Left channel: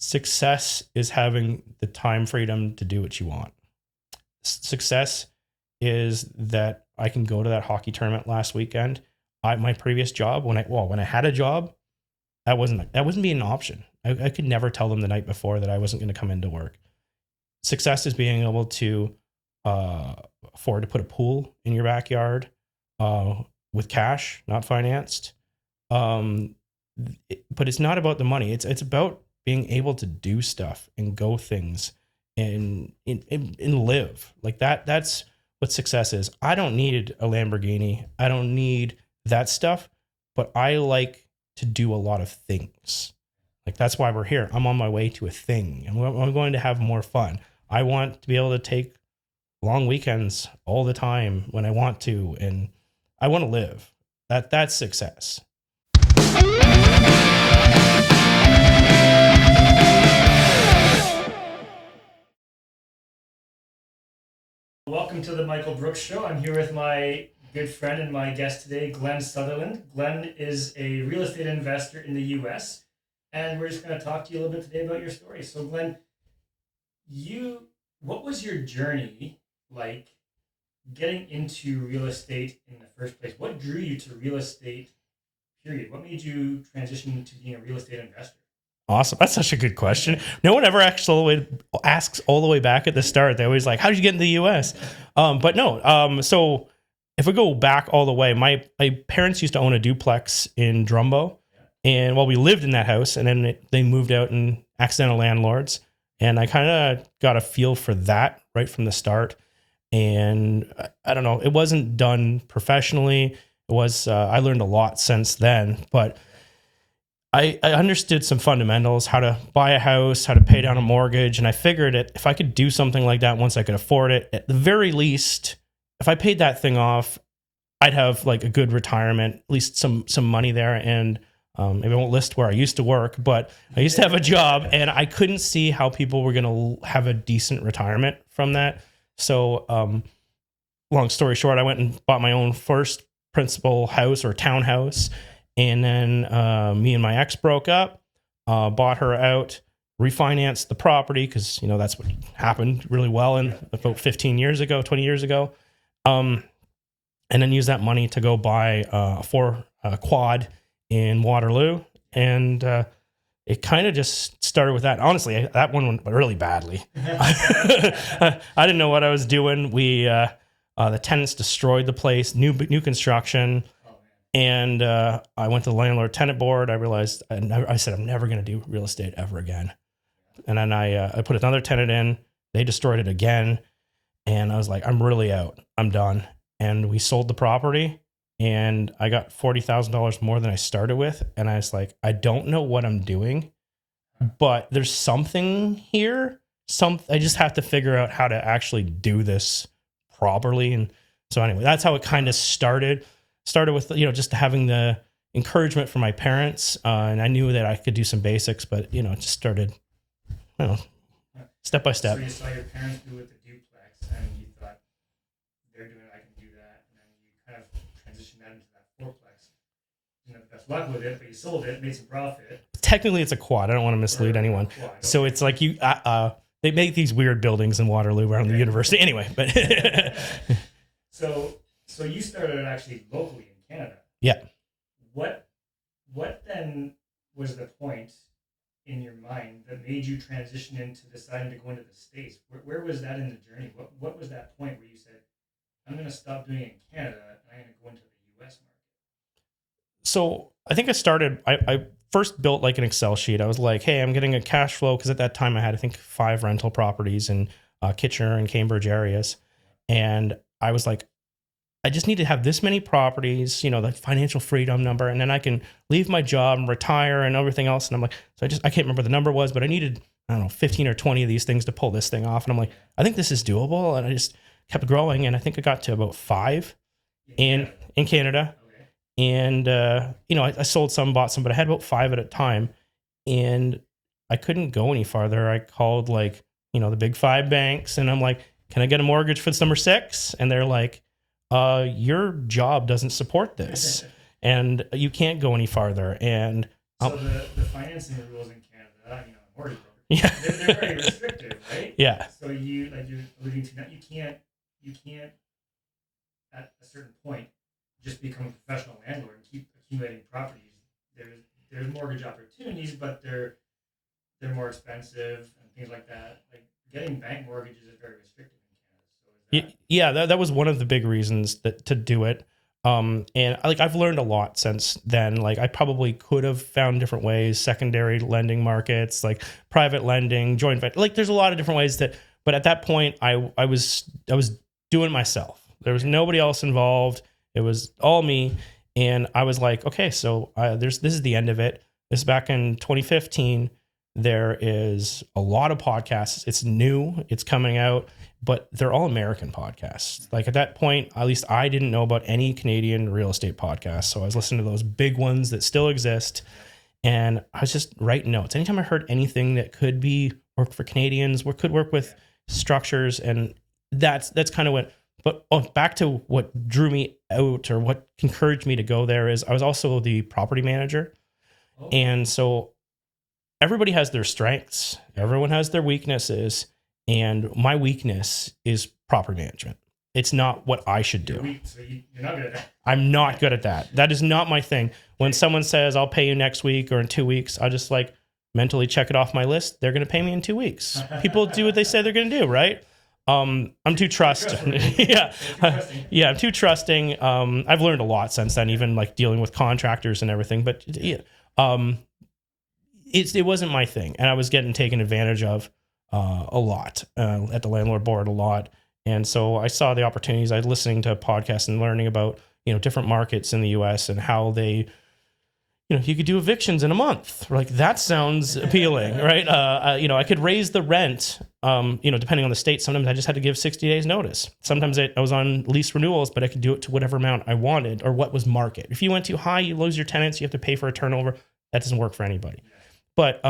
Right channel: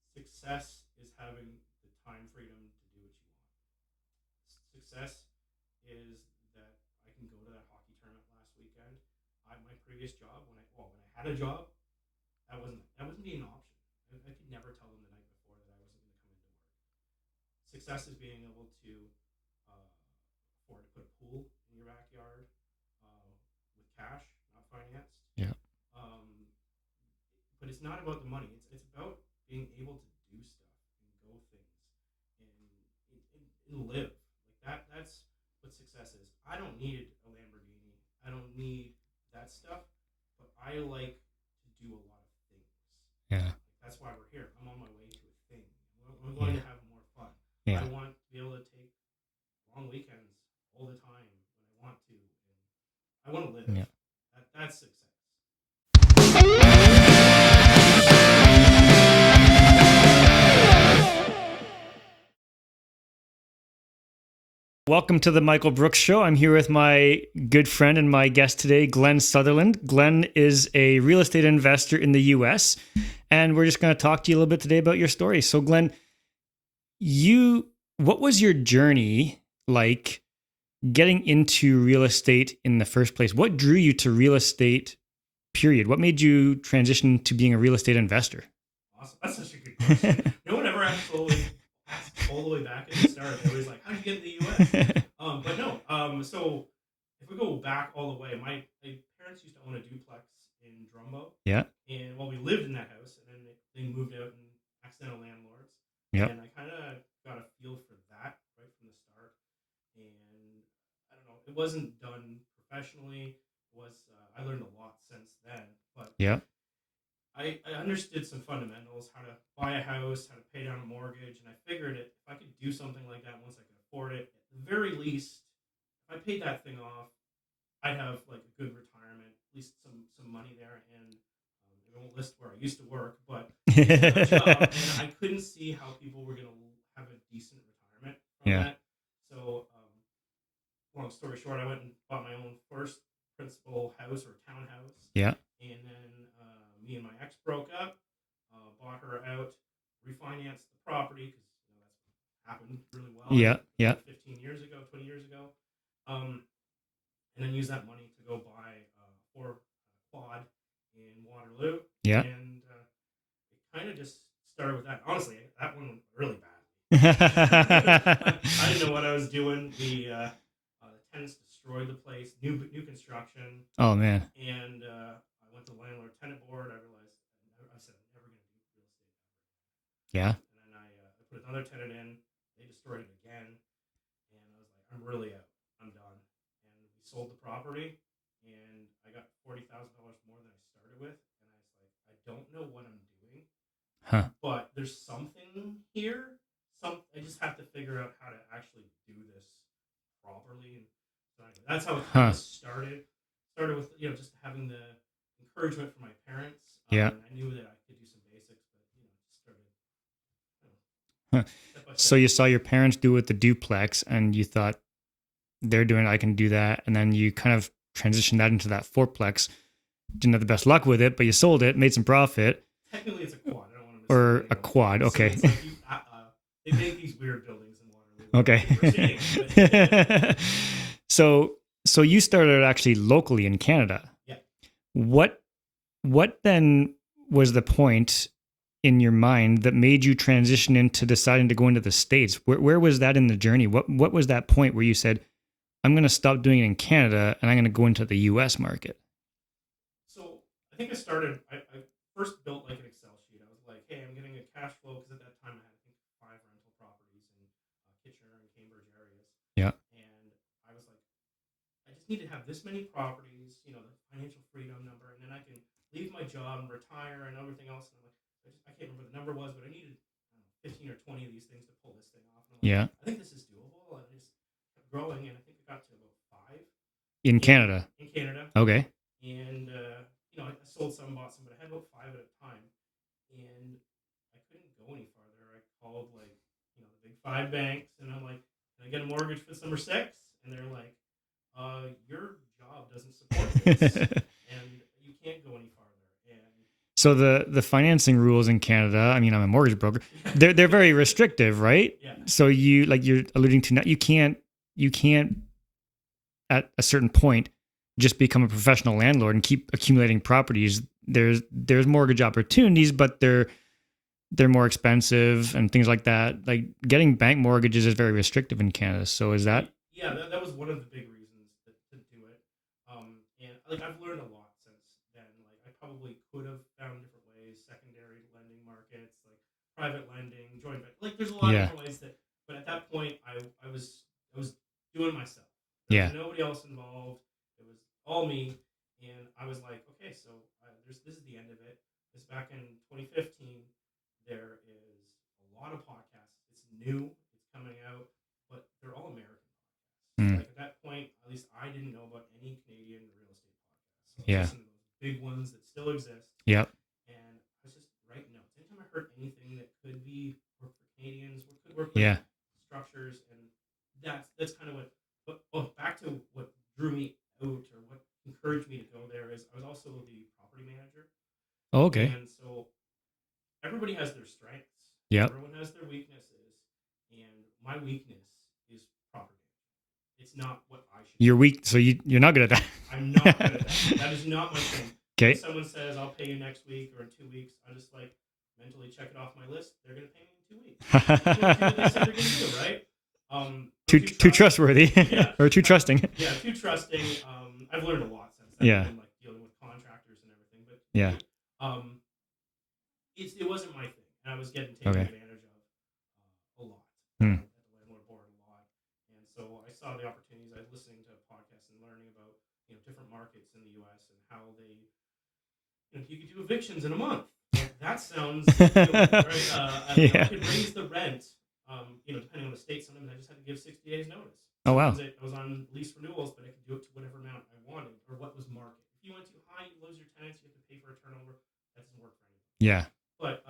Success is having the time freedom to do what you want. Success is that I can go to that hockey tournament last weekend. My previous job, when I had a job, that wasn't being an option. I could never tell them the night before that I wasn't going to come into work. Success is being able to afford to put a pool in your backyard with cash, not financed. Yeah. But it's not about the money. It's about being able to do stuff and go things and live like that. That's what success is. I don't need a Lamborghini. I don't need that stuff, but I like to do a lot of things. Yeah. Like that's why we're here. I'm on my way to a thing and I'm going to have more fun. Yeah. I want to be able to take long weekends all the time when I want to, and I want to live. Yeah. That's success. Welcome to the Michael Brooks Show. I'm here with my good friend and my guest today, Glen Sutherland. Glen is a real estate investor in the U.S., and we're just going to talk to you a little bit today about your story. So, Glen, what was your journey like getting into real estate in the first place? What drew you to real estate, period? What made you transition to being a real estate investor? Awesome. That's such a good question. No one ever actually asks all the way back at the start. They're always like, how did you get in the U.S.? But no. So if we go back all the way, my parents used to own a duplex in Drumbo. Yeah. And we lived in that house, and then they moved out and accidental landlords. Yeah. And I kind of got a feel for that right from the start. And I don't know, it wasn't done professionally. It was, I learned a lot since then, but yeah. I understood some fundamentals, how to buy a house, how to pay down a mortgage. And I figured if I could do something like that once I could afford it, at the very least, if I paid that thing off, I'd have like a good retirement, at least some money there. And maybe I won't list where I used to work, but I used to have a job and I couldn't see how people were going to have a decent retirement from that. So long story short, I went and bought my own first principal house or townhouse. Yeah. And then me and my ex broke up, bought her out, refinanced the property because, that's what happened really well about 15 years ago, 20 years ago. And then used that money to go buy a quad in Waterloo. Yeah. And it kind of just started with that. Honestly, that one went really badly. I didn't know what I was doing. The tenants destroyed the place, new construction. Oh, man. And I went to the landlord tenant board. I realized, I said, I'm never going to do real estate ever again. Yeah. And then I put another tenant in. They destroyed it again. And I was like, I'm really out. I'm done. And we sold the property. And I got $40,000 more than I started with. And I was like, I don't know what I'm doing. But there's something here. I just have to figure out how to actually do this properly. And so anyway, that's how it kind of started with, just having the encouragement from my parents. And I knew that I could do some basics, but it just started, step by step. So you saw your parents do it with the duplex and you thought they're doing it, I can do that. And then you kind of transitioned that into that fourplex. Didn't have the best luck with it, but you sold it, made some profit. Technically it's a quad. I don't want to mislead anyone. A quad. Okay. So it's like they make these weird buildings in Waterloo around the university. Anyway, but so you started actually locally in Canada. Yeah. What then was the point in your mind that made you transition into deciding to go into the States? Where was that in the journey? What was that point where you said, I'm going to stop doing it in Canada and I'm going to go into the US market? So I think I first built like an Excel sheet. I was like, hey, I'm getting a cash flow. Cause at that time I had, I think 5 rental properties in Kitchener and Cambridge areas. Yeah. And I was like, I just need to have this many properties, the financial freedom number. And then I can leave my job and retire and everything else. And I'm like, I can't remember what the number was, but I needed, 15 or 20 of these things to pull this thing off. And I'm like, I think this is doable. And I just kept growing. And I think I got to about 5 in Canada. Okay. And, I sold some, bought some, but I had about 5 at a time and I couldn't go any farther. I called the big 5 banks and I'm like, can I get a mortgage for number 6? And they're like, your job doesn't support this and you can't go any farther. And So the financing rules in Canada, I mean, I'm a mortgage broker. Yeah. They're very restrictive, right? Yeah. So you, like you're alluding to now, you can't at a certain point just become a professional landlord and keep accumulating properties. There's mortgage opportunities, but they're more expensive and things like that. Like getting bank mortgages is very restrictive in Canada. So is that? Yeah, that was one of the big reasons to do it. And like I've learned a lot since then. Like I probably could have found different ways, secondary lending markets, like private lending, joint venture. Like there's a lot of different ways but at that point I was doing it myself. There was nobody else involved. It was all me. And I was like, okay, so this is the end of it. This is back in 2015. There is a lot of podcasts. It's new. It's coming out. But they're all American podcasts. Like at that point, at least I didn't know about any Canadian real estate podcasts. So I was listening to those big ones that still exist. Yep. And I was just writing notes. Anytime I heard anything that could be work for Canadians, could work with structures. And that's kind of what, but back to what drew me out or what encouraged me to go there is I was also the property manager. Okay. And so everybody has their strengths. Yep. Everyone has their weaknesses. And my weakness is property management. It's not what I should do. You're weak, so you're not good at that. I'm not good at that. That is not my thing. Okay. When someone says, I'll pay you next week or in 2 weeks, I just like mentally check it off my list. They're going to pay me in 2 weeks. People do what they say they're going to do, right? I'm too trustworthy. Yeah. Or too trusting. Yeah, too trusting. I've learned a lot since then, even like dealing with contractors and everything. But it wasn't my thing. And I was getting taken advantage of a lot at the landlord board a lot. And so I saw the opportunities. I was listening to podcasts and learning about, different markets in the US and how they, you could do evictions in a month. Like that sounds appealing, right? I could raise the rent, depending on the state. Sometimes I just had to give 60 days notice. Sometimes I was on lease renewals, but I could do it to whatever amount I wanted or what was market. If you went too high, you lose your tenants. You have to pay for a turnover. That doesn't work for anybody. Yeah. But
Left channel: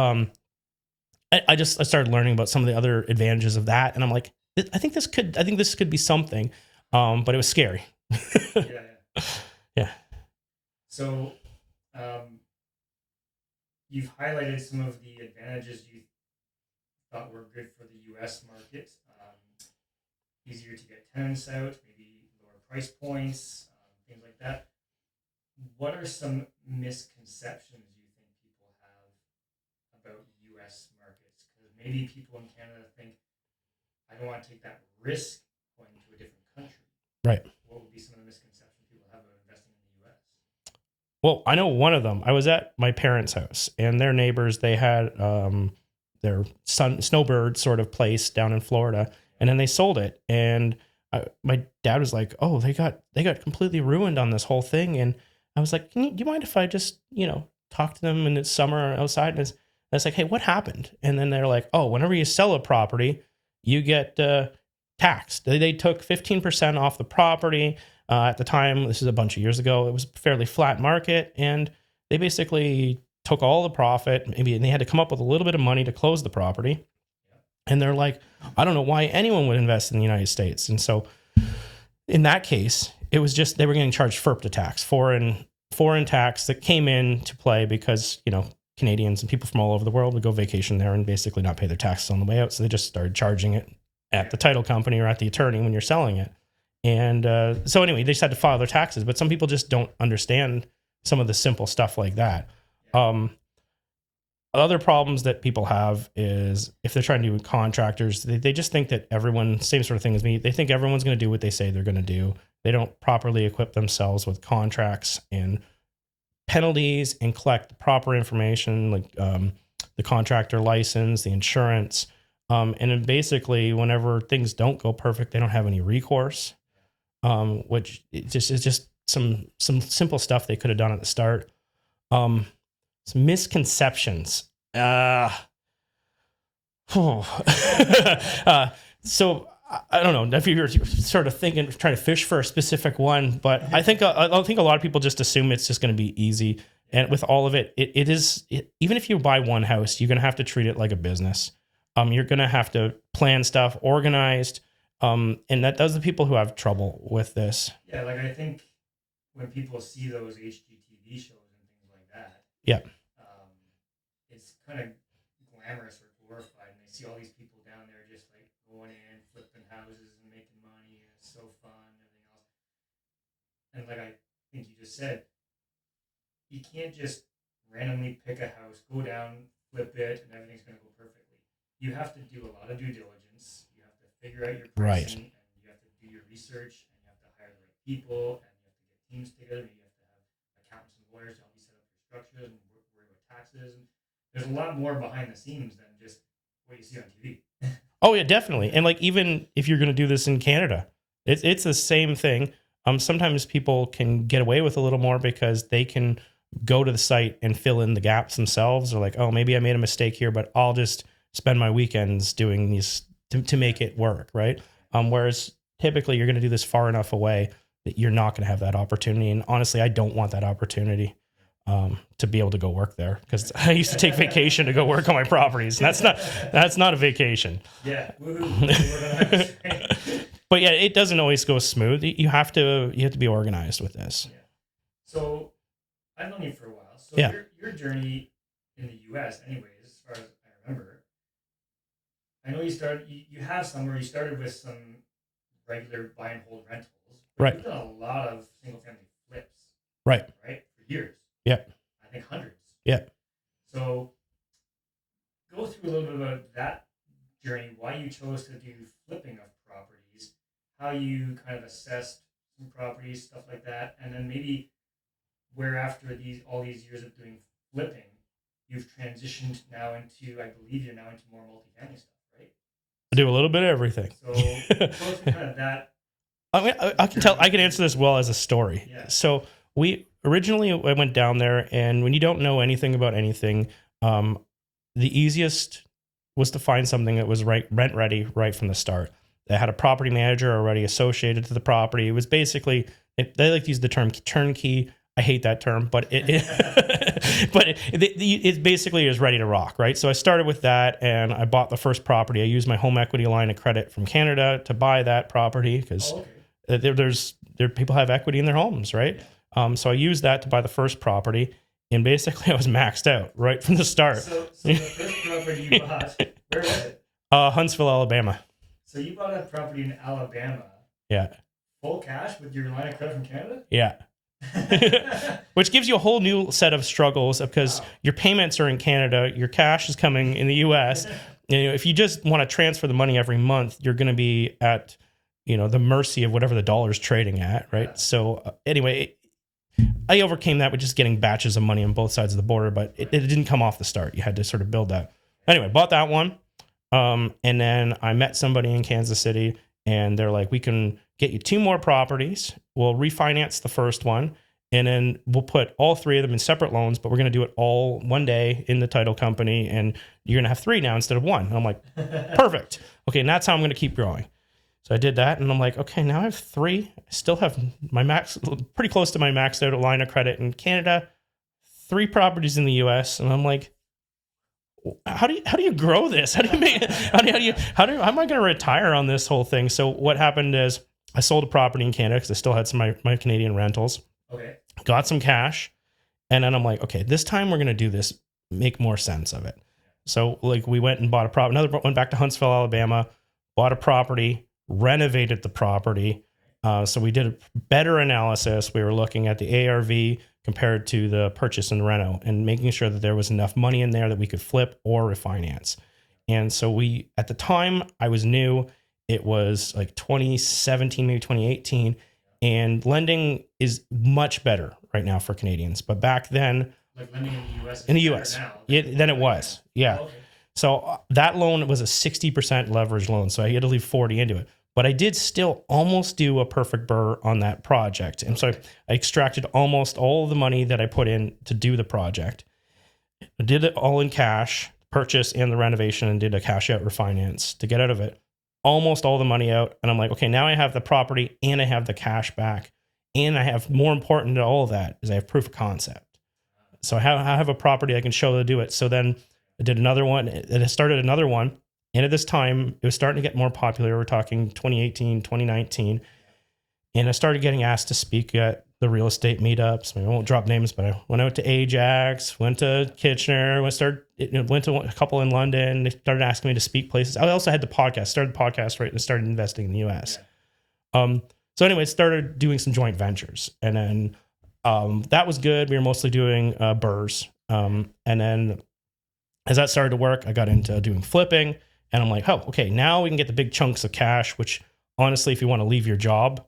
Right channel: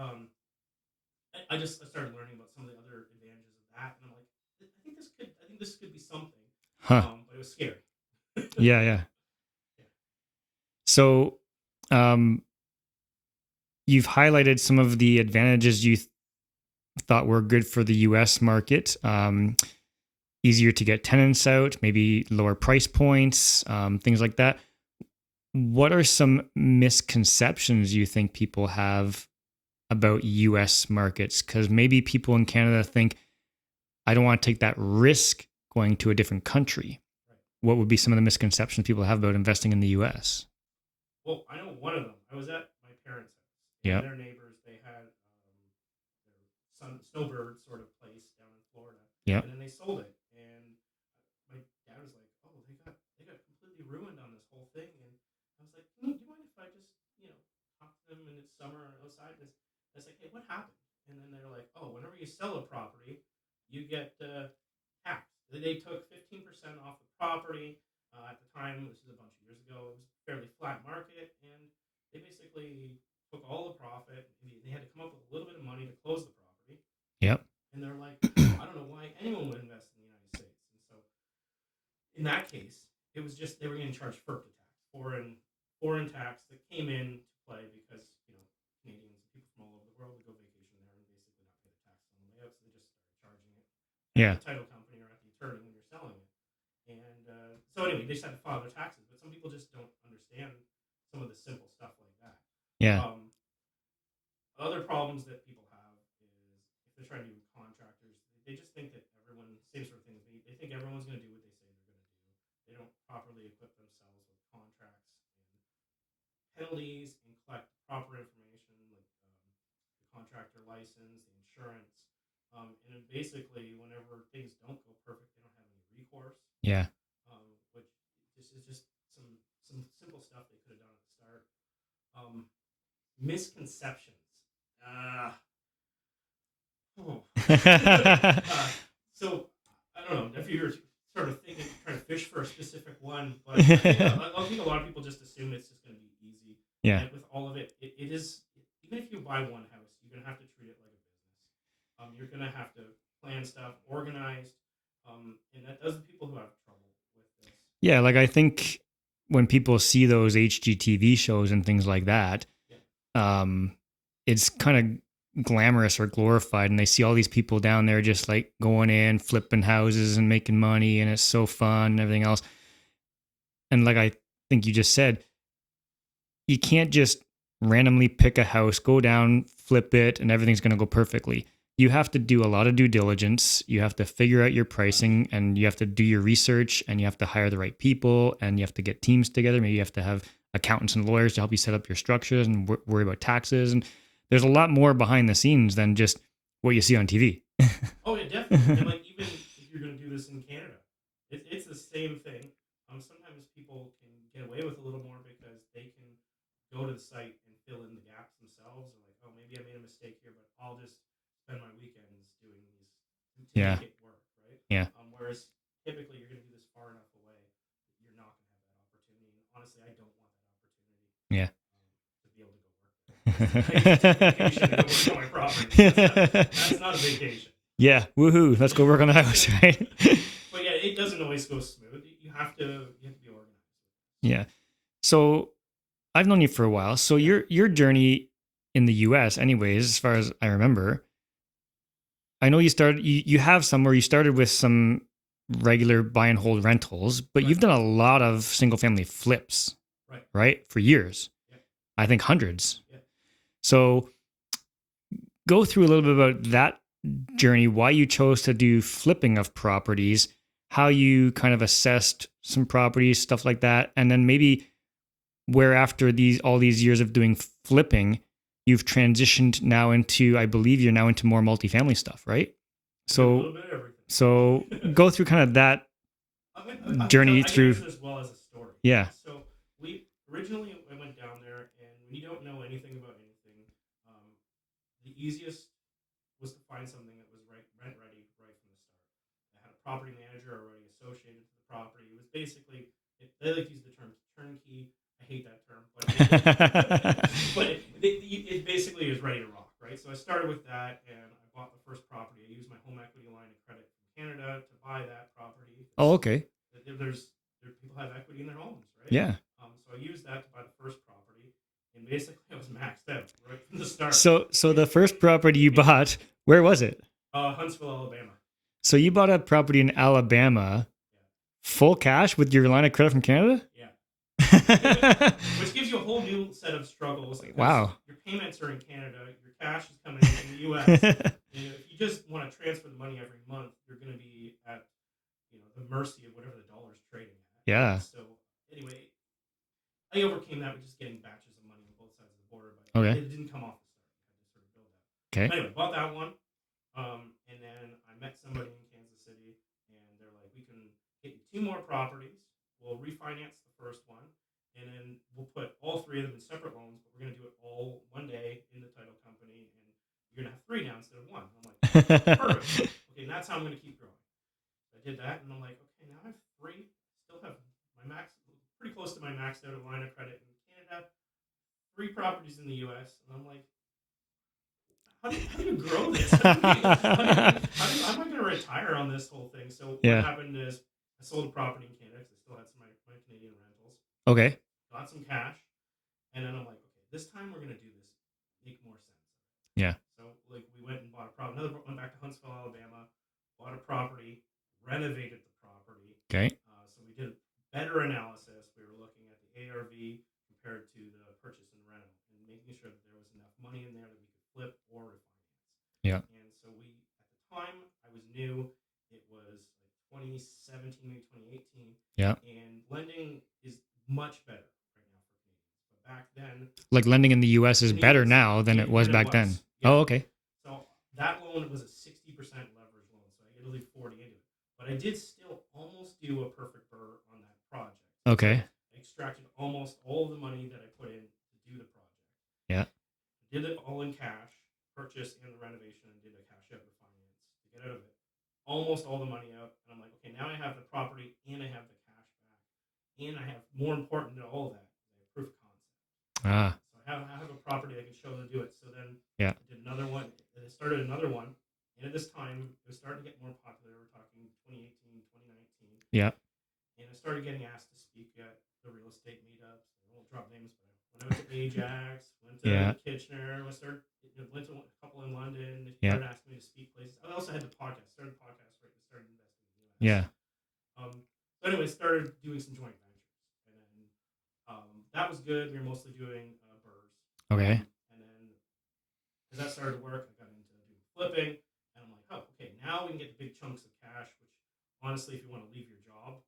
I started learning about some of the other advantages of that, and I'm like, I think this could be something, but it was scary. Yeah. So, you've highlighted some of the advantages you thought were good for the U.S. market. Easier to get tenants out, maybe lower price points, things like that. What are some misconceptions you think people have about US markets? Because maybe people in Canada think, I don't want to take that risk going to a different country. Right. What would be some of the misconceptions people have about investing in the US? Well, I know one of them. I was at my parents' house and their neighbors, they had their snowbird sort of place down in Florida, and then they sold it. And my dad was like, oh, they got completely ruined on this whole thing. And I was like, do you mind if I just, talk to them in the summer outside? And I was like, hey, what happened? And then they're like, oh, whenever you sell a property, you get taxed. They took 15% off the property. At the time, this is a bunch of years ago, it was a fairly flat market. And they basically took all the profit, and they had to come up with a little bit of money to close the property. Yep. And they're like, I don't know why anyone would invest in the United States. And so in that case, it was just, they were getting charged FERPTA tax, foreign tax that came into play because, Canadians and people from all over the world would go vacation there and basically not pay their taxes on the way out. So they just started charging it at the title company or at the attorney when you're selling it. And so anyway, they just had to file their taxes, but some people just don't understand some of the simple stuff like that. Yeah. Other problems that people have is if they're trying to do with contractors, they just think that everyone, same sort of thing as me, they think everyone's going to do what they say they're going to do. They don't properly equip themselves with contracts and penalties and collect the proper information, like the contractor license, the insurance. And then basically whenever things don't go perfect, they don't have any recourse. Yeah. Which is just some simple stuff they could have done at the start. Some misconceptions. So I don't know if you're sort of trying to fish for a specific one, but I think a lot of people just assume it's just going to be easy. Yeah. And with all of it, it is, even if you buy one house, you're going to have to treat it like a business. You're going to have to plan stuff, organized. And those are the people who have trouble with this. Yeah. Like I think when people see those HGTV shows and things like that, it's kind of glamorous or glorified, and they see all these people down there just like going in, flipping houses and making money, and it's so fun and everything else. And like I think you just said, you can't just randomly pick a house, go down, flip it, and everything's going to go perfectly. You have to do a lot of due diligence. You have to figure out your pricing, right, and you have to do your research, and you have to hire the right people, and you have to get teams together. Maybe you have to have accountants and lawyers to help you set up your structures and worry about taxes. And there's a lot more behind the scenes than just what you see on TV. Oh yeah, definitely. And like, even if you're going to do this in Canada, it's the same thing. Sometimes people can get away with a little more because they can go to the site and fill in the gaps themselves. Or like, oh, maybe I made a mistake here, but I'll just spend my weekends doing these to make it work. Right. Yeah. Whereas typically you're going to do this far enough away that you're not going to have that opportunity. And honestly, I don't want that opportunity. Yeah. To be able to go work there, because I used to take vacation to go work on my properties. That's not a vacation. Yeah. Woohoo. Let's go work on the house. Right. But yeah, it doesn't always go smooth. You have to be organized with this. Yeah. So I've known you for a while. So your journey in the US, anyways, as far as I remember, I know you have somewhere you started with some regular buy and hold rentals, but right, you've done a lot of single family flips. Right. For years. Yeah. I think hundreds. Yeah. So go through a little bit about that journey, why you chose to do flipping of properties, how you kind of assessed some properties, stuff like that. And then maybe where after all these years of doing flipping, you've transitioned now into, I believe you're now into more multifamily stuff, right? So do a little bit of everything. So go through kind of that. I can answer this well as a story. Yeah. So I went down there, and when you don't know anything about anything, the easiest was to find something that was rent ready right from the start. They had a property manager already associated to the property. It was basically, they like to use the term turnkey. I hate that term, but it basically is ready to rock, right? So I started with that, and I bought the first property. I used my home equity line of credit from Canada to buy that property, because there people have equity in their homes, right? Yeah. So I used that to buy the first property, and basically I was maxed out right from the start. So the first property you bought, where was it? Huntsville, Alabama. So you bought a property in Alabama. Yeah. Full cash with your line of credit from Canada? Yeah. Which gives you a whole new set of struggles, because your payments are in Canada, your cash is coming in the US. If you just want to transfer the money every month, you're going to be at the mercy of whatever the dollar's trading at. Yeah. Right? So anyway, I overcame that with just getting batches of money on both sides of the border, but it didn't come off the start. You had to sort of build that. Okay. Anyway, bought that one. And then I met somebody in Kansas City, and they're like, we can get you 2 more properties. We'll refinance the first one, and then we'll put all 3 of them in separate loans, but we're going to do it all one day in the title company, and you're going to have 3 now instead of 1. And I'm like, perfect. Okay, and that's how I'm going to keep growing. So I did that, and I'm like, okay, now I have 3. I still have my pretty close to my maxed out line of credit in Canada, 3 properties in the US, and I'm like, how do you grow this? How am I going to retire on this whole thing? So what happened is I sold a property in Canada, because I still had some of my Canadian rentals. Okay. Got some cash. And then I'm like, okay, this time we're going to do this, make more sense of it. Yeah. So like we went and bought a property, went back to Huntsville, Alabama, bought a property, renovated the property. Okay. So we did a better analysis. We were looking at the ARV compared to the purchase and reno, and making sure that there was enough money in there that we could flip or refinance. Yeah. And so at the time I was new, it was like 2017, maybe 2018. Yeah. And lending is much better right now for Canadians. But back then, like lending in the US is better now than it was back then. Yeah. Oh, okay. So that loan was a 60% leverage loan. So I had to leave 40 into it. But I did still almost do a perfect BRRRR on that project. And so I extracted almost all of the money that I put in to do the project. Yeah. I did it all in cash, purchase and the renovation, and did a cash out refinance to get out of it. Almost all the money out. And I'm like, okay, now I have the property and I have the cash back. And I have, more important to all of that, is I have proof of concept. So I have a property I can show to do it. So then I did another one, and I started another one. And at this time, it was starting to get more popular. We're talking 2018, 2019. Yeah. And I started getting asked to speak at the real estate meetups. I won't drop names, but I went out to Ajax, went to Kitchener, went to a couple in London. They started asking me to speak places. I also had the podcast, started the podcast, right, and started investing in the US. Yeah. So anyway, started doing some joint ventures, and then that was good. We were mostly doing burrs. And then as that started to work, I got into doing flipping, and I'm like, oh, okay, now we can get the big chunks of cash, which honestly, if you want to leave your job,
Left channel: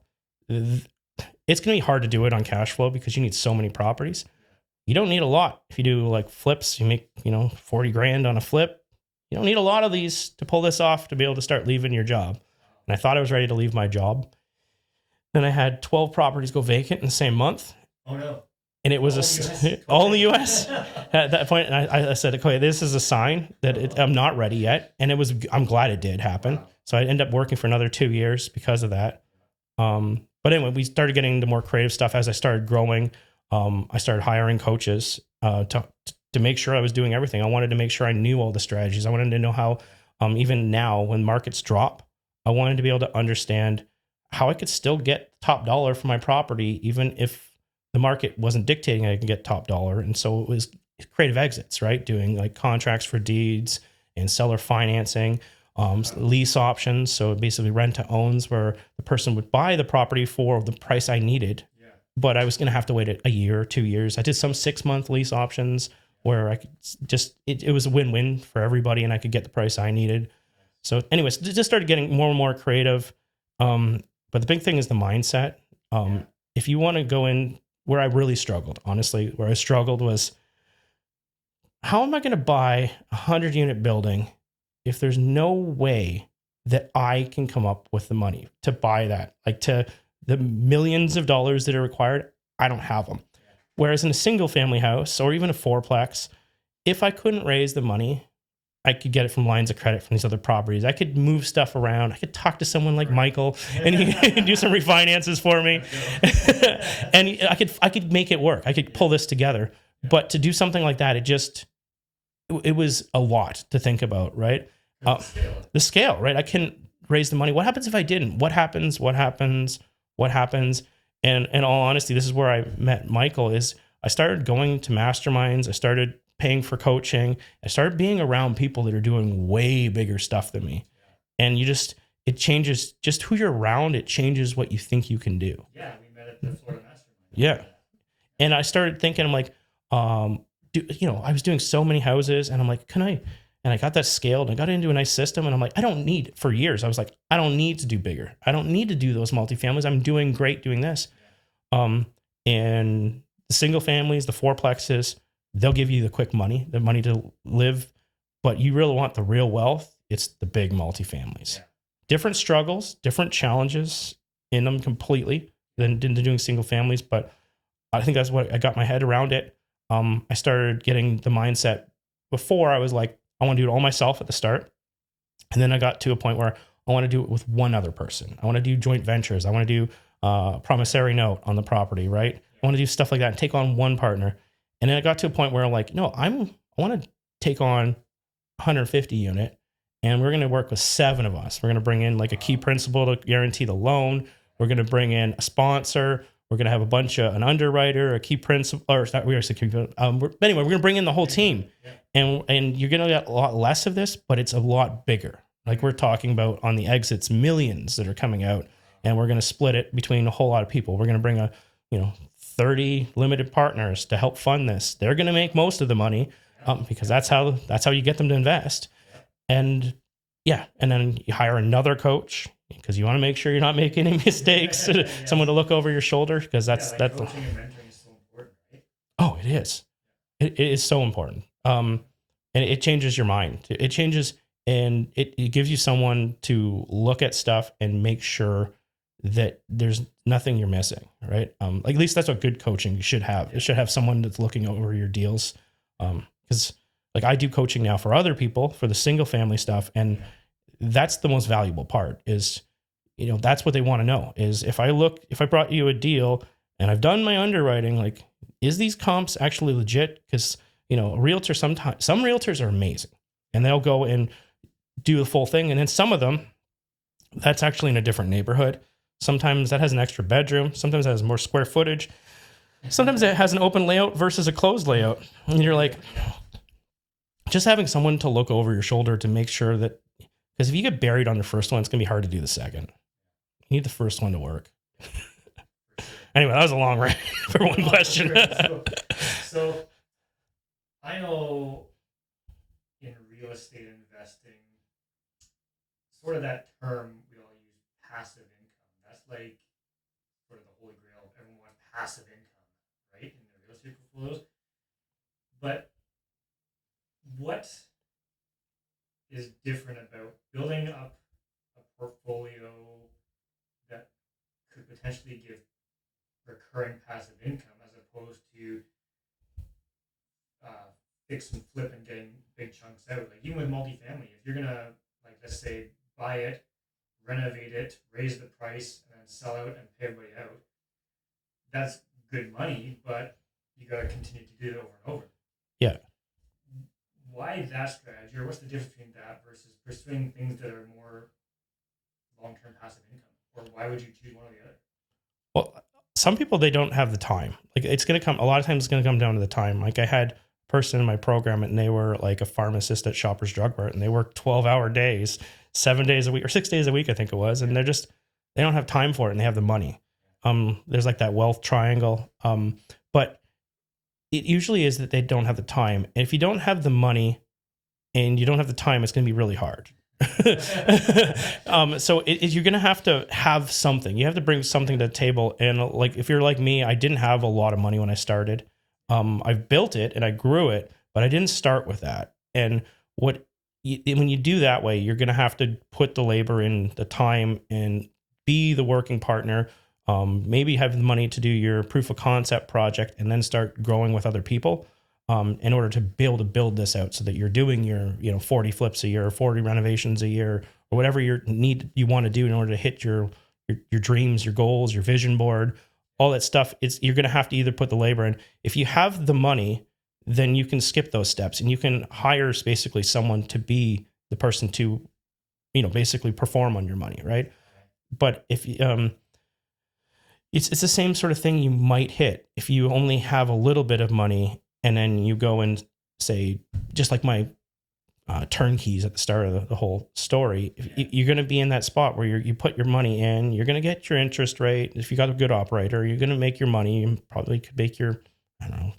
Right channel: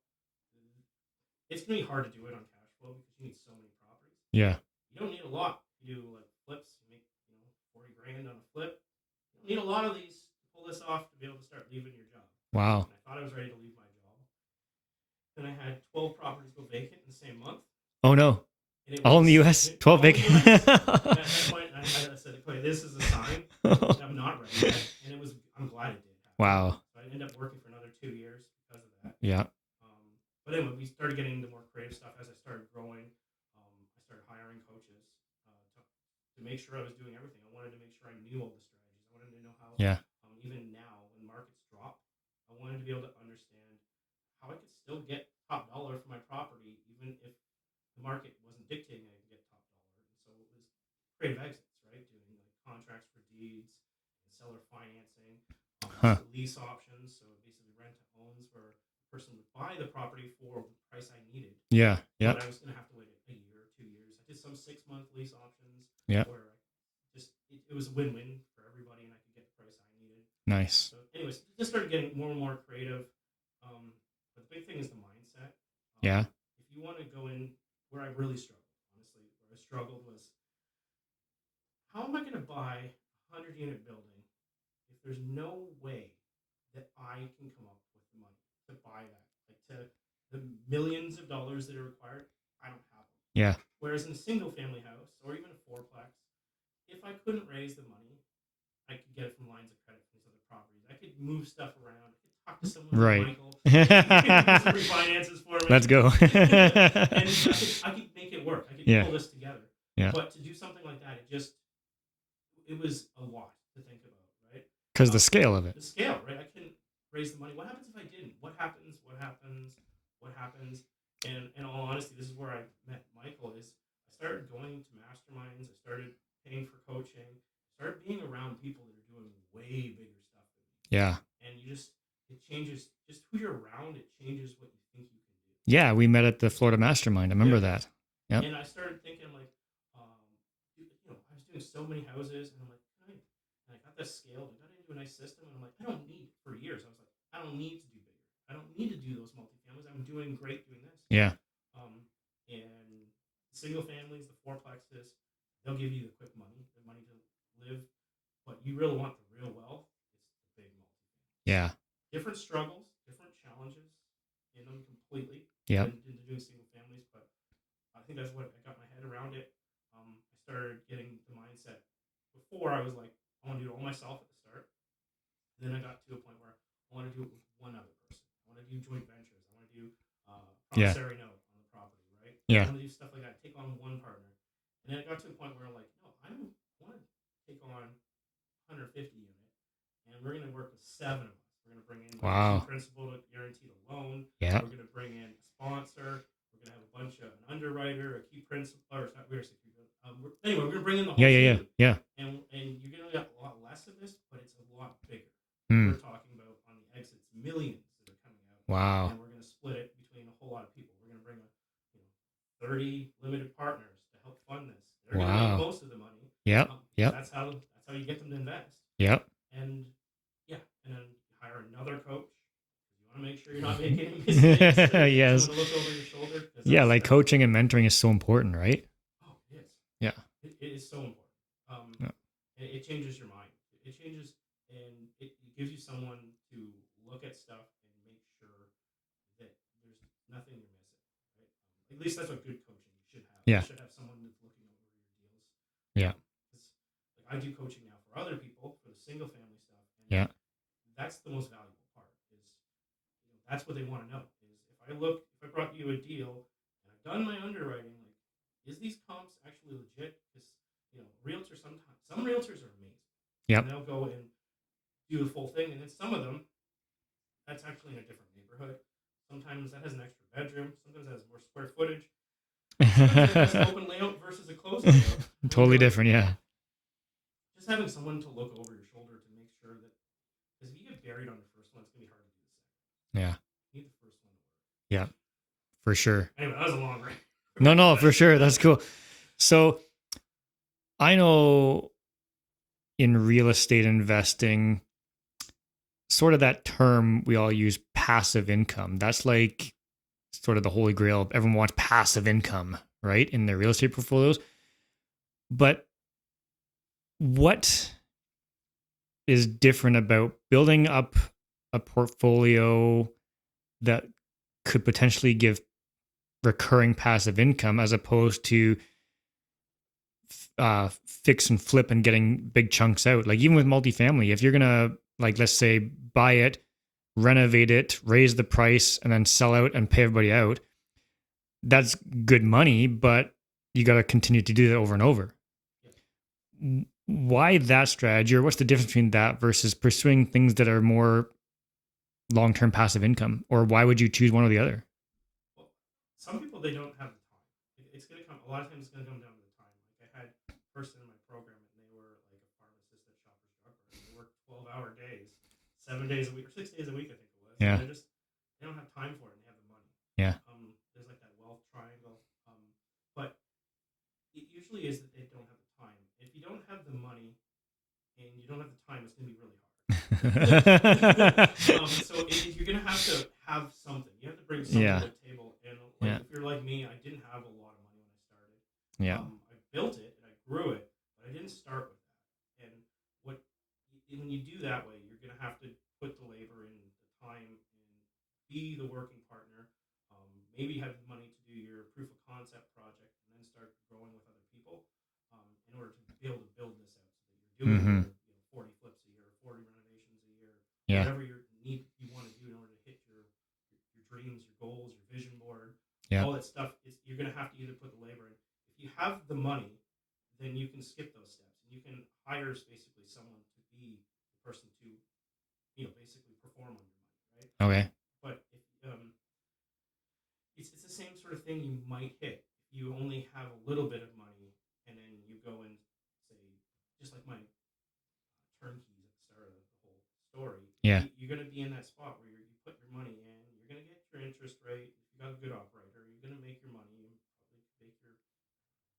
it's going to be hard to do it on cash flow because you need so many properties. Yeah. You don't need a lot. If you do like flips, you make, 40 grand on a flip. You don't need a lot of these to pull this off to be able to start leaving your job. Wow. And I thought I was ready to leave my job. Then I had 12 properties go vacant in the same month. Oh no. And it was all in the US. 12 all in the US. At that point, I said, okay, this is a sign that I'm not ready yet. And I'm glad it did happen. Wow. So I ended up working for another 2 years because of that. Yeah. But anyway, we started getting into more creative stuff as I started growing. I started hiring coaches to make sure I was doing everything. I wanted to make sure I knew all the strategies. I wanted to know how, even now when markets drop, I wanted to be able to understand how I could still get top dollar for my property, even if the market wasn't dictating I can get top dollar. And so it was creative exits, right? Doing like contracts for deeds and seller financing, lease options. So basically rent to owns, where the person would buy the property for the price I needed. Yeah. But I was going to have to wait a year or 2 years. I did some 6-month lease options where I could it was a win-win for everybody and I could get the price I needed. Nice. So anyways, just started getting more and more creative. But the big thing is the mindset. If you want to go in, where I really struggled, honestly, where I struggled was, how am I going to buy a 100-unit building if there's no way that I can come up with the money to buy that? Like, to the millions of dollars that are required, I don't have them. Yeah. Whereas in a single family house or even a fourplex, if I couldn't raise the money, I could get it from lines of credit from these other properties. I could move stuff around. I could talk to someone like Michael and he could do some refinances for me. Let's go. And I could make it work. I could pull this together. Yeah. But to do something like that, it was a lot to think about, right? Because the scale of it. The scale, right? I couldn't raise the money. What happens if I didn't? What happens? And in all honesty, this is where I met Michael. Is I started going to masterminds. I started paying for coaching. I started being around people that are doing way bigger stuff than me. Yeah. And it changes just who you're around. It changes what you think you can do. Yeah. We met at the Florida Mastermind. I remember that. Yeah. And I started thinking, I'm like, I was doing so many houses and I'm like, and I got that scaled and I got into a nice system. And I'm like, for years, I was like, I don't need to do bigger. I don't need to do those multifamilies. I'm doing great doing this. Yeah. And the single families, the fourplexes, they'll give you the quick money, the money to live, but you really want the real wealth. It's the big multifamilies. Yeah. Different struggles, different challenges in them completely than doing single families. But I think that's what I got my head around it. I started getting the mindset. Before I was like, I want to do it all myself at the start. And then I got to a point where I want to do it with one other person. I want to do joint ventures. I want to do promissory note on the property, right? Yeah. I want to do stuff like that and take on one partner. And then I got to a point where I'm like, no, I want to take on 150 unit and we're going to work with 7 of us. We're going to bring in like a key principal to guarantee the loan. Yeah. We're going to bring in a sponsor. We're going to have an underwriter, a key principal, or not, we are security. Anyway, we're going to bring in the whole team. Yeah. And you're going to get a lot less of this, but it's a lot bigger. Like we're talking about on the exits, millions that are coming out. Wow. And we're going to split it between a whole lot of people. We're going to bring 30 limited partners to help fund this. They're going to make most of the money. Yeah. Because that's how you get them to invest. Yeah. And then you hire another coach because you want to make sure you're not making any mistakes. Yes. Someone to look over your shoulder, because that's coaching and mentoring is so important, right? Oh, it is. Yeah. It is so important. And it changes your mind. It changes, and it gives you someone to look at stuff and make sure that there's nothing you're missing, right? Like, at least that's what good coaching you should have. You should have someone that's looking over your deals. Because like I do coaching now for other people for the single family stuff, and that's the most valuable part. Is that's what they want to know. Is if I brought you a deal and I've done my underwriting, like, is these comps actually legit? Because a realtor, some realtors are amazing, and they'll go and do the full thing, and then some of them, that's actually in a different neighborhood. Sometimes that has an extra bedroom. Sometimes it has more square footage. Sometimes it has an open layout versus a closed layout. Totally different, yeah. Just having someone to look over your shoulder to make sure that, because if you get buried on the first one, it's going to be hard to do the second. Yeah. You need the first one to work. Yeah, for sure. Anyway, that was a long rant. No, for sure. That's cool. So I know in real estate investing, sort of that term we all use, passive income. That's like sort of the holy grail. Everyone wants passive income, right, in their real estate portfolios. But what is different about building up a portfolio that could potentially give recurring passive income as opposed to fix and flip and getting big chunks out? Like even with multifamily, if you're gonna, like, let's say, buy it, renovate it, raise the price, and then sell out and pay everybody out, that's good money, but you got to continue to do that over and over. Yeah. Why that strategy, or what's the difference between that versus pursuing things that are more long-term passive income? Or why would you choose one or the other? Well, some people, they don't have the time. Like it's going to come, a lot of times it's going to come down to the time. Like I had a person in my program and they were like a pharmacist at Shoppers Drug Mart and they worked 12-hour days, 7 days a week or 6 days a week, I think it was. And they don't have time for it and they have the money. Yeah. There's like that wealth triangle. But it usually is that they don't have the time. And if you don't have the money and you don't have the time, it's going to be really hard. So you're going to have something. You have to bring something to the table. And if you're like me, I didn't have a lot of money when I started. Yeah. I built it and I grew it, but I didn't start with that. And when you do that way, you're going to have to put the labor in, the time, and be the working partner. Maybe have the money to do your proof of concept project and then start growing with other people in order to build this out so that you're doing your 40 flips a year, 40 renovations a year, or whatever you want to do in order to hit your dreams, your goals, your vision board, all that stuff. You're going to have to either put the labor in. If you have the money, then you can skip those steps and you can hire basically someone to be the person to, basically perform on your money. Right. Okay. But if it's the same sort of thing you might hit if you only have a little bit of money and then you go and say, just like my turnkeys at the start of the whole story, you're going to be in that spot where you put your money in, you're going to get your interest rate. If you got a good operator, you're going to make your money. You probably could make your,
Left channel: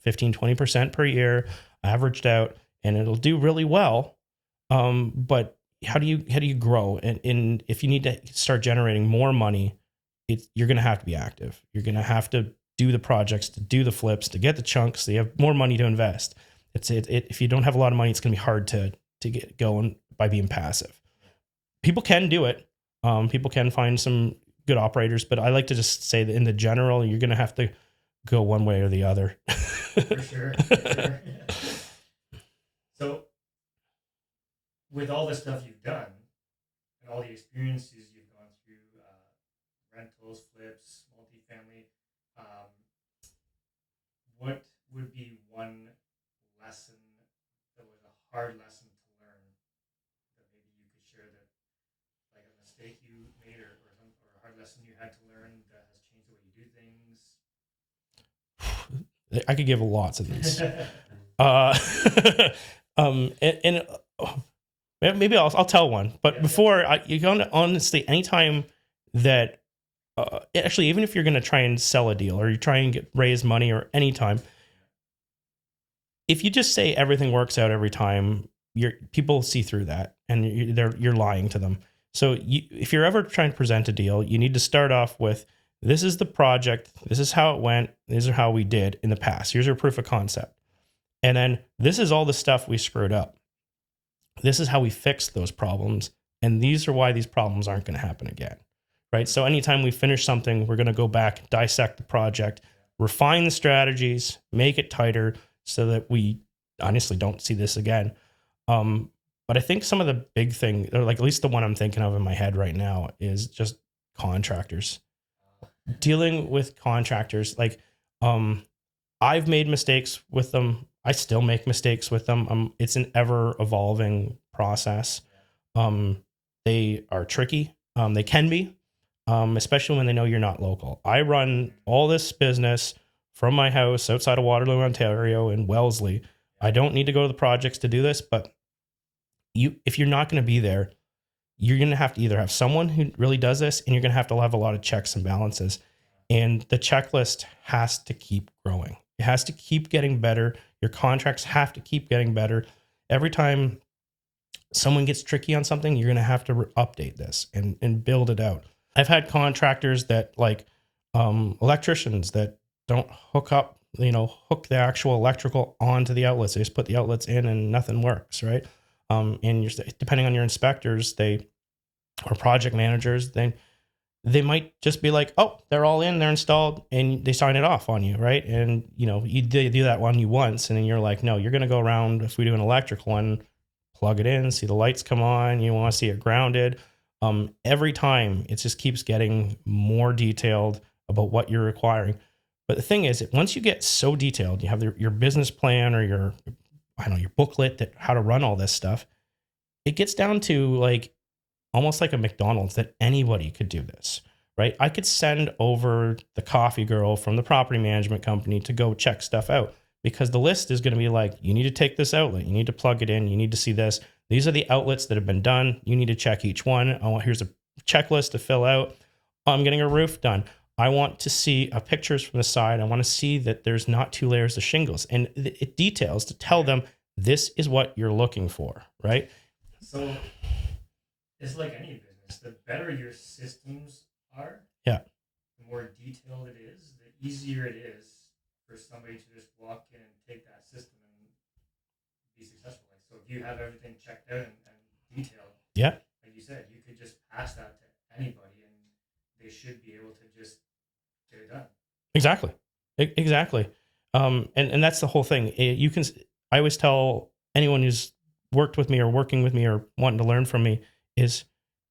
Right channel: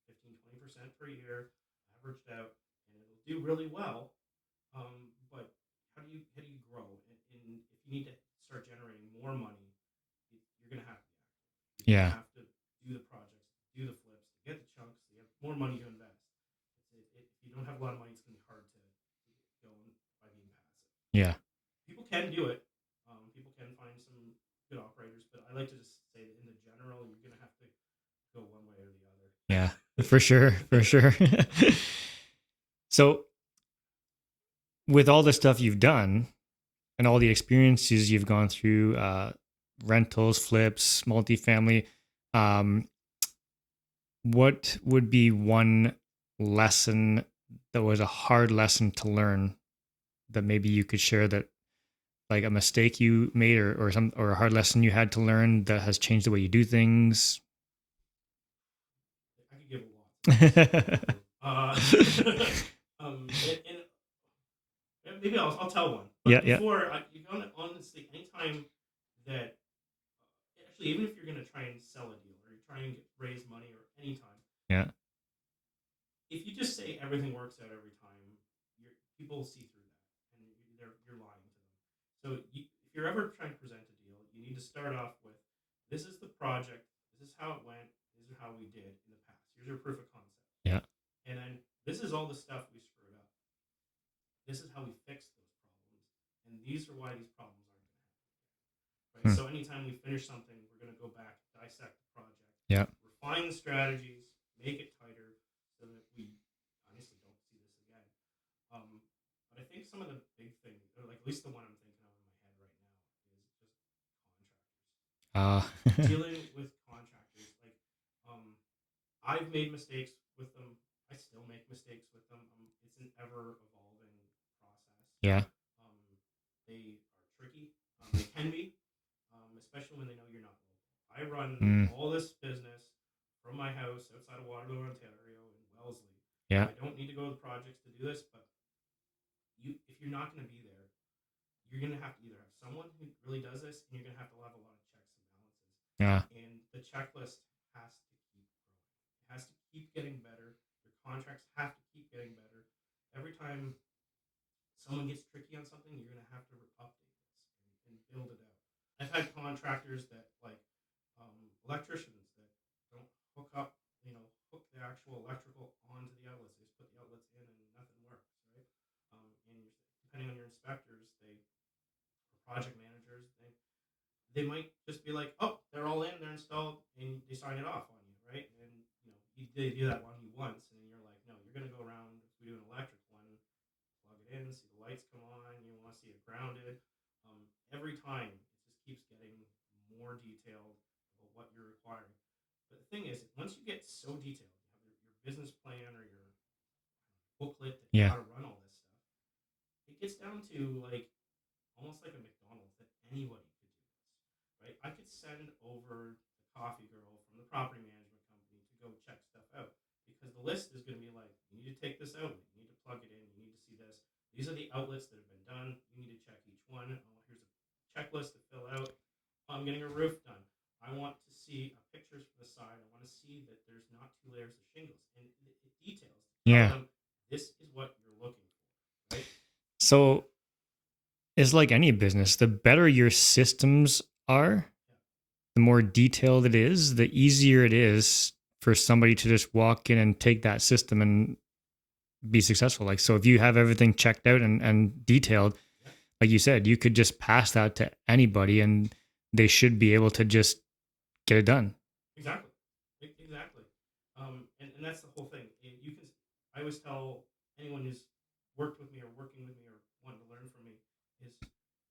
15, 20% per year averaged out, and it'll do really well. But how do you grow? And if you need to start generating more money, you're going to have to be active. You're going to have to do the projects, to do the flips, to get the chunks. So you have more money to invest. If you don't have a lot of money, it's going to be hard to get going by being passive. Yeah. People can do it. People can find some good operators, but I like to just say that in the general, you're going to have to go one way or the other. Yeah, for sure. For sure. So with all the stuff you've done and all the experiences you've gone through, rentals, flips, multifamily, what would be one lesson that was a hard lesson to learn that maybe you could share, that like a mistake you made or a hard lesson you had to learn that has changed the way you do things? I could give lots of these. Maybe I'll tell one, but you're going to, honestly, anytime that actually, even if you're going to try and sell a deal or you try and raise money or anytime, if you just say everything works out every time, people see through that and you're lying to them. So if you're ever trying to present a deal, you need to start off with, this is the project, this is how it went, these are how we did in the past. Here's your proof of concept. Yeah. And then this is all the stuff we screwed up. This is how we fixed those problems. And these are why these problems aren't going to happen again. Right. So anytime we finish something, we're going to go back, dissect the project, refine the strategies, make it tighter so that we honestly don't see this again. But I think some of the big thing, or like at least the one I'm thinking of in my head right now, is just contractors. Dealing with contractors. Like, I've made mistakes with them. I still make mistakes with them. It's an ever evolving process. Yeah. They are tricky. They can be. especially when they know you're not local. I run all this business from my house outside of Waterloo, Ontario, in Wellesley. Yeah. I don't need to go to the projects to do this, but if you're not going to be there, you're going to have to either have someone who really does this, and you're going to have a lot of checks and balances. Yeah. And the checklist has to keep growing. It has to keep getting better. Your contracts have to keep getting better. Every time someone gets tricky on something, you're going to have to update this and build it out. I've had contractors that electricians that don't hook the actual electrical onto the outlets. They just put the outlets in and nothing works, right? And depending on your inspectors, or project managers, then they might just be like, oh, they're all in, they're installed, and they sign it off on you, right? And they do that on you once, and then you're like, no, you're going to go around, if we do an electrical one, plug it in, see the lights come on, you want to see it grounded. Every time it just keeps getting more detailed about what you're requiring. But the thing is, once you get so detailed, you have your business plan or your booklet that how to run all this stuff, it gets down to almost like a McDonald's, that anybody could do this, right? I could send over the coffee girl from the property management company to go check stuff out, because the list is going to be like, you need to take this outlet, you need to plug it in, you need to see this. These are the outlets that have been done. You need to check each one. Here's a checklist to fill out. I'm getting a roof done. I want to see pictures from the side. I want to see that there's not 2 layers of shingles, and it details to tell them this is what you're looking for, right? So it's like any business. The better your systems are, the more detailed it is, the easier it is for somebody to just walk in and take that system and be successful. So if you have everything checked out and detailed, like you said, you could just pass that to anybody and they should be able to just get it done. Exactly. And that's the whole thing. I always tell anyone who's worked with me or working with me or wanting to learn from me is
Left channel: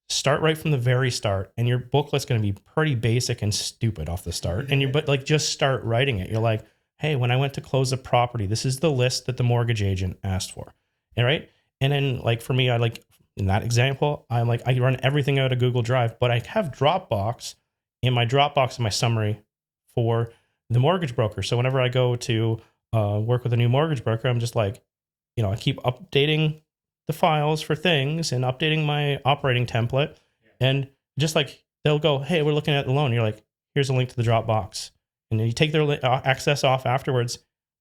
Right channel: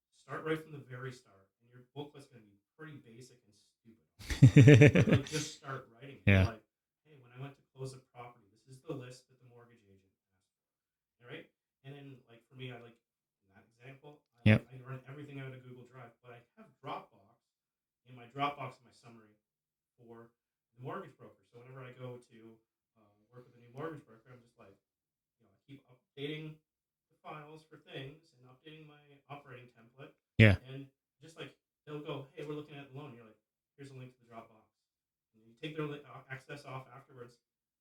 start right from the very start, and your booklet's going to be pretty basic and stupid off the start. But just start writing it. You're like, hey, when I went to close a property, this is the list that the mortgage agent asked for. All right. And then for me, in that example, I run everything out of Google Drive, but I have Dropbox in my summary for the mortgage broker. So whenever I go to work with a new mortgage broker, I'm just I keep updating the files for things and updating my operating template. Yeah. And just they'll go, hey, we're looking at the loan. You're like, here's a link to the Dropbox. And then you take their access off afterwards.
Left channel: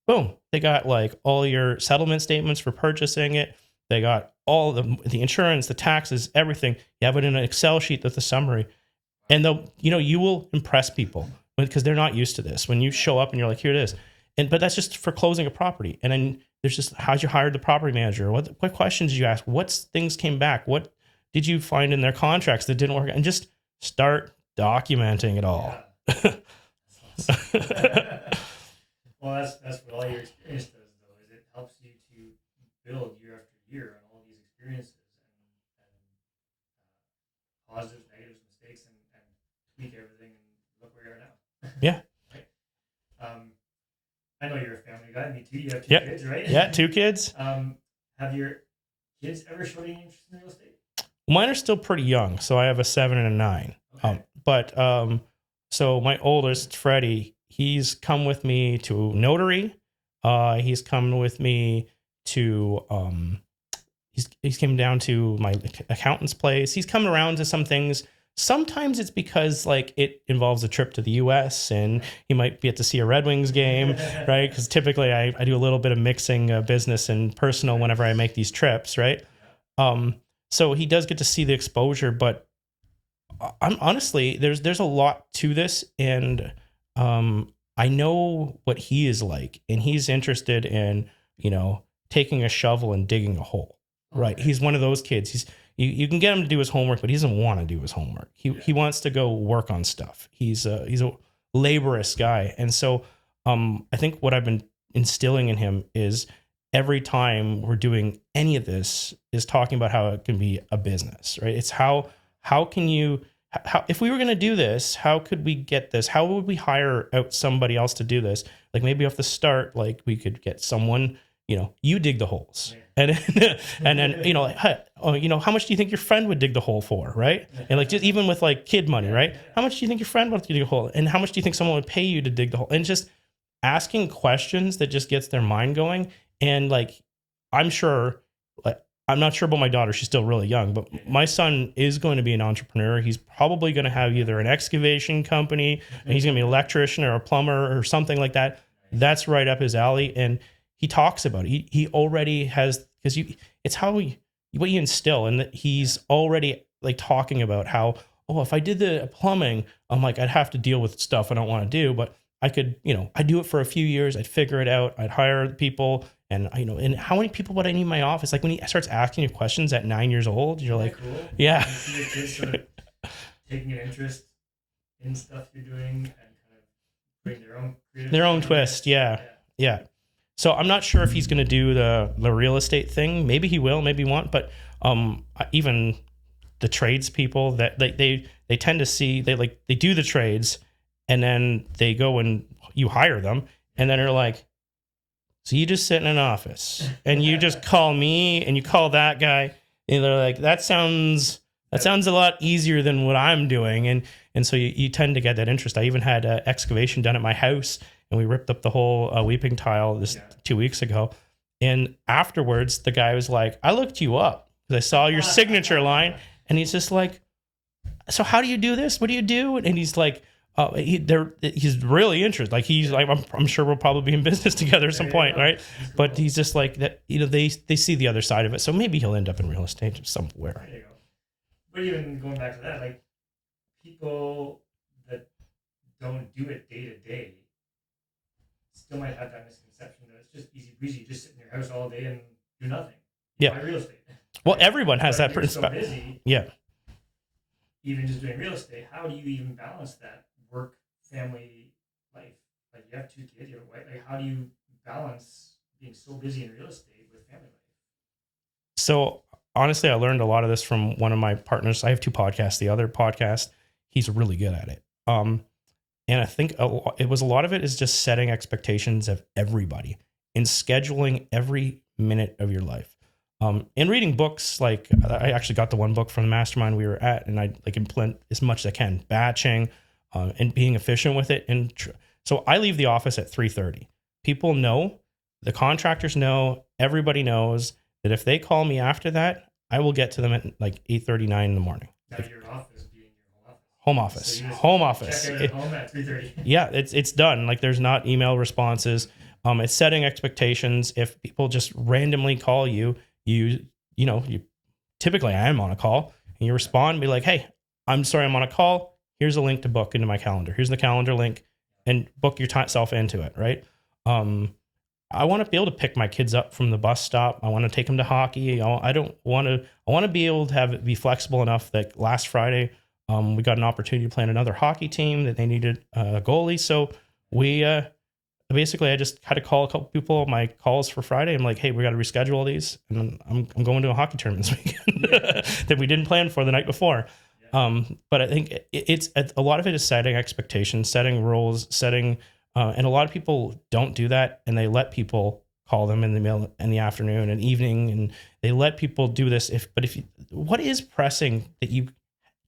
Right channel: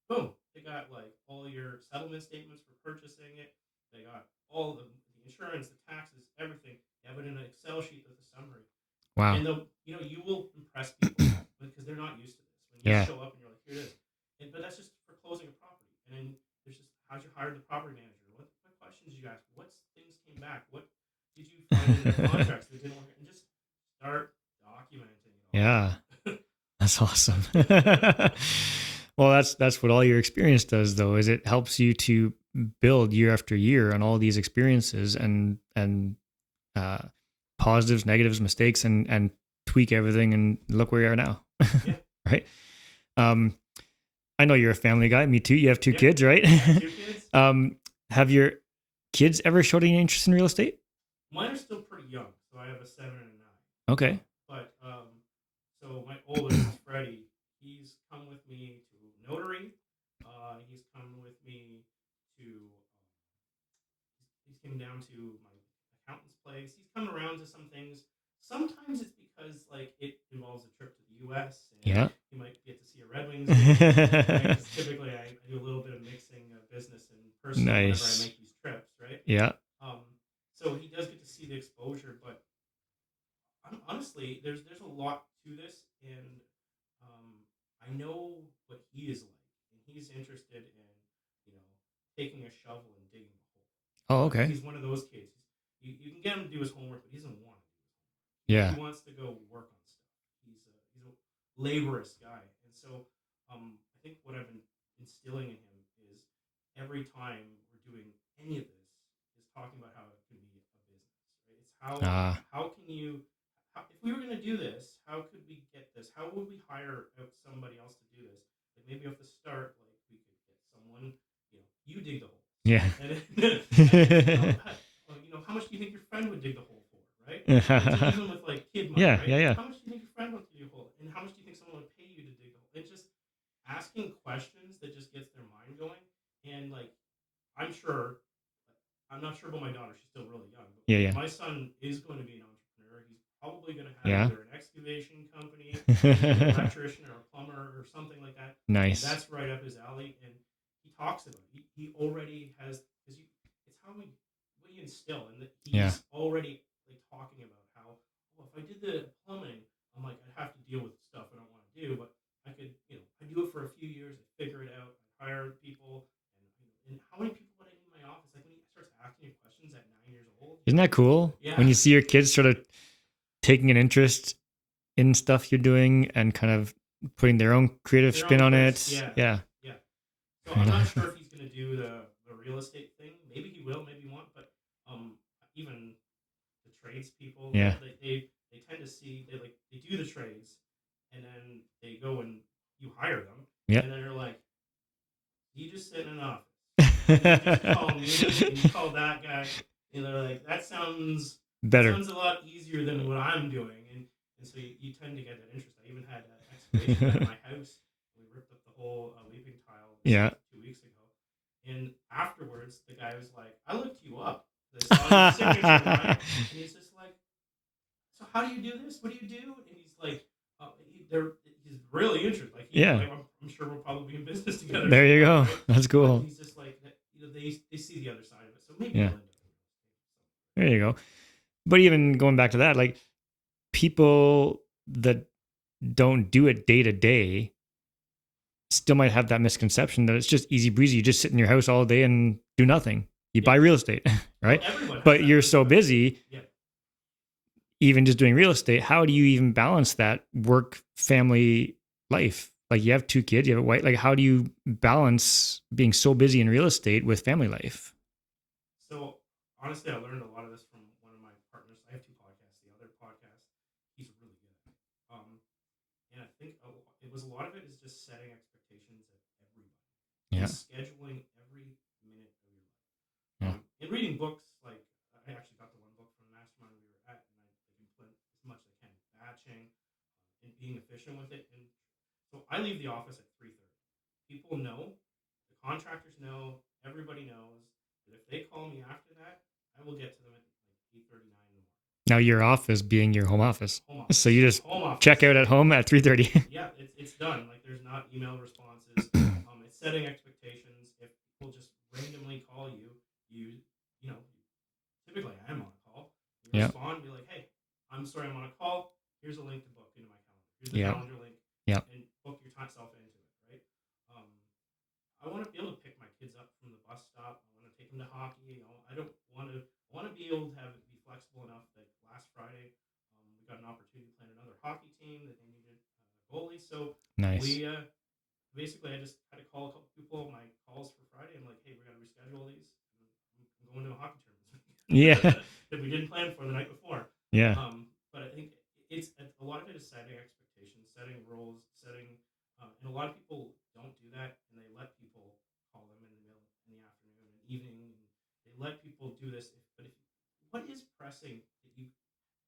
Boom. They got all your settlement statements for purchasing it. They got all the insurance, the taxes, everything. You have it in an Excel sheet with the summary. Wow. And you will impress people because they're not used to this. When you show up and you're like, here it is. But that's just for closing a property. And then there's just, how'd you hire the property manager? What questions did you ask? What things came back? What did you find in their contracts that didn't work? And just start documenting it all. Yeah. That's awesome. Well, that's what all your experience does, though, is it helps you to build year after year on all these experiences and positives, negatives, mistakes, and tweak everything and look where you are now. Yeah. Right. I know you're a family guy. Me too. You have 2 kids, right? Yeah, 2 kids. Have your kids ever showed any interest in real estate? Mine are still pretty young, so I have a 7 and a 9. Okay. So my oldest, Freddie, he's come with me to notary. He's come with me to he's came down to my accountant's place. He's come around to some things. Sometimes it's because it involves a trip to the US and he might get to see a Red Wings game, right? Because typically I do a little bit of mixing business and personal whenever I make these trips, right? Yeah. So he does get to see the exposure, but I'm honestly, there's a lot to this, and I know what he is like, and he's interested in, taking a shovel and digging a hole. Oh, right. Okay. He's one of those kids. You can get him to do his homework, but he doesn't want to do his homework. He wants to go work on stuff. He's a laborious guy. And so I think what I've been instilling in him is every time we're doing any of this is talking about how it can be a business, right? It's how can you, if we were going to do this, how could we get this? How would we hire out somebody else to do this? Maybe off the start, we could get someone, you dig the holes. Yeah. And then, oh, how much do you think your friend would dig the hole for, right? And like just even with like kid money, Yeah, right? yeah, yeah. How much do you think your friend would dig a hole, and how much do you think someone would pay you to dig the hole? And just asking questions that just gets their mind going. And like, I'm sure, like, I'm not sure about my daughter. She's still really young, but Yeah. my son is going to be an entrepreneur. He's probably going to have Yeah. either an excavation company, and he's going to be an electrician or a plumber or something like that. Nice. That's right up his alley. And he talks about it. He already has, because it's what you instill, and that he's already like talking about how, oh, if I did the plumbing, I'm like, I'd have to deal with stuff I don't want to do, but I could, I'd do it for a few years. I'd figure it out. I'd hire people. And and how many people would I need in my office? Like when he starts asking you questions at 9 years old, isn't that cool? Yeah. When you see your kids sort of taking an interest in stuff you're doing and kind of putting their own creative spin on twist. it. Yeah. So I'm not sure if he's going to do the real estate thing. Maybe he will, maybe he won't. But even the tradespeople that they tend to see, they do the trades, and then they go and you hire them, and then they're like, so you just sit in an office and you just call me and you call that guy, and they're like, that sounds a lot easier than what I'm doing. And so you tend to get that interest. I even had excavation done at my house, and we ripped up the whole weeping tile 2 weeks ago. And afterwards, the guy was like, I looked you up because I saw your signature line. And he's just like, so how do you do this? What do you do? And he's like, he's really interested. Like he's like, I'm sure we'll probably be in business together at some point, right? That's cool. But he's just like that. They see the other side of it. So maybe he'll end up in real estate somewhere. There you go. But even going back to that, like people that don't do it day to day still might have that misconception that it's just easy breezy. You just sit in your house all day and do nothing. You buy real estate, right? Well, everyone has that. But you're so busy. Yeah. Even just doing real estate, how do you even balance that work family life? Like you have 2 kids, you have a wife. Like how do you balance being so busy in real estate with family life? So honestly, I learned a lot of this from one of my partners. I have 2 podcasts. The other podcast, he's really good at it. And I think a lot of it is just setting expectations of everybody and scheduling every minute of your life. And reading books, like I actually got the one book from the mastermind we were at, and I like implement as much as I can, batching, and being efficient with it. And so I leave the office at 3:30. People know, the contractors know, everybody knows that if they call me after that, I will get to them at like 8:39 in the morning. Now your office being your home office. Home office. So you just home office. Check out at home at 3:30. Yeah, it's done. Like there's not email responses. It's setting expectations. If people just randomly call you, you typically I am on a call, and you respond and be like, hey, I'm sorry, I'm on a call. Here's a link to book into my calendar. Here's the calendar link, and book yourself into it. Right. I want to be able to pick my kids up from the bus stop. I want to take them to hockey. I want to be able to have it be flexible enough that last Friday, we got an opportunity to play on another hockey team that they needed a goalie. So we, basically I just had to call a couple people, my calls for Friday. I'm like, hey, we got to reschedule all these. And I'm going to a hockey tournament this weekend that we didn't plan for the night before. Yeah. But I think it's a lot of it is setting expectations, setting rules, and a lot of people don't do that, and they let people call them in the afternoon and evening, and they let people do this. What is pressing that you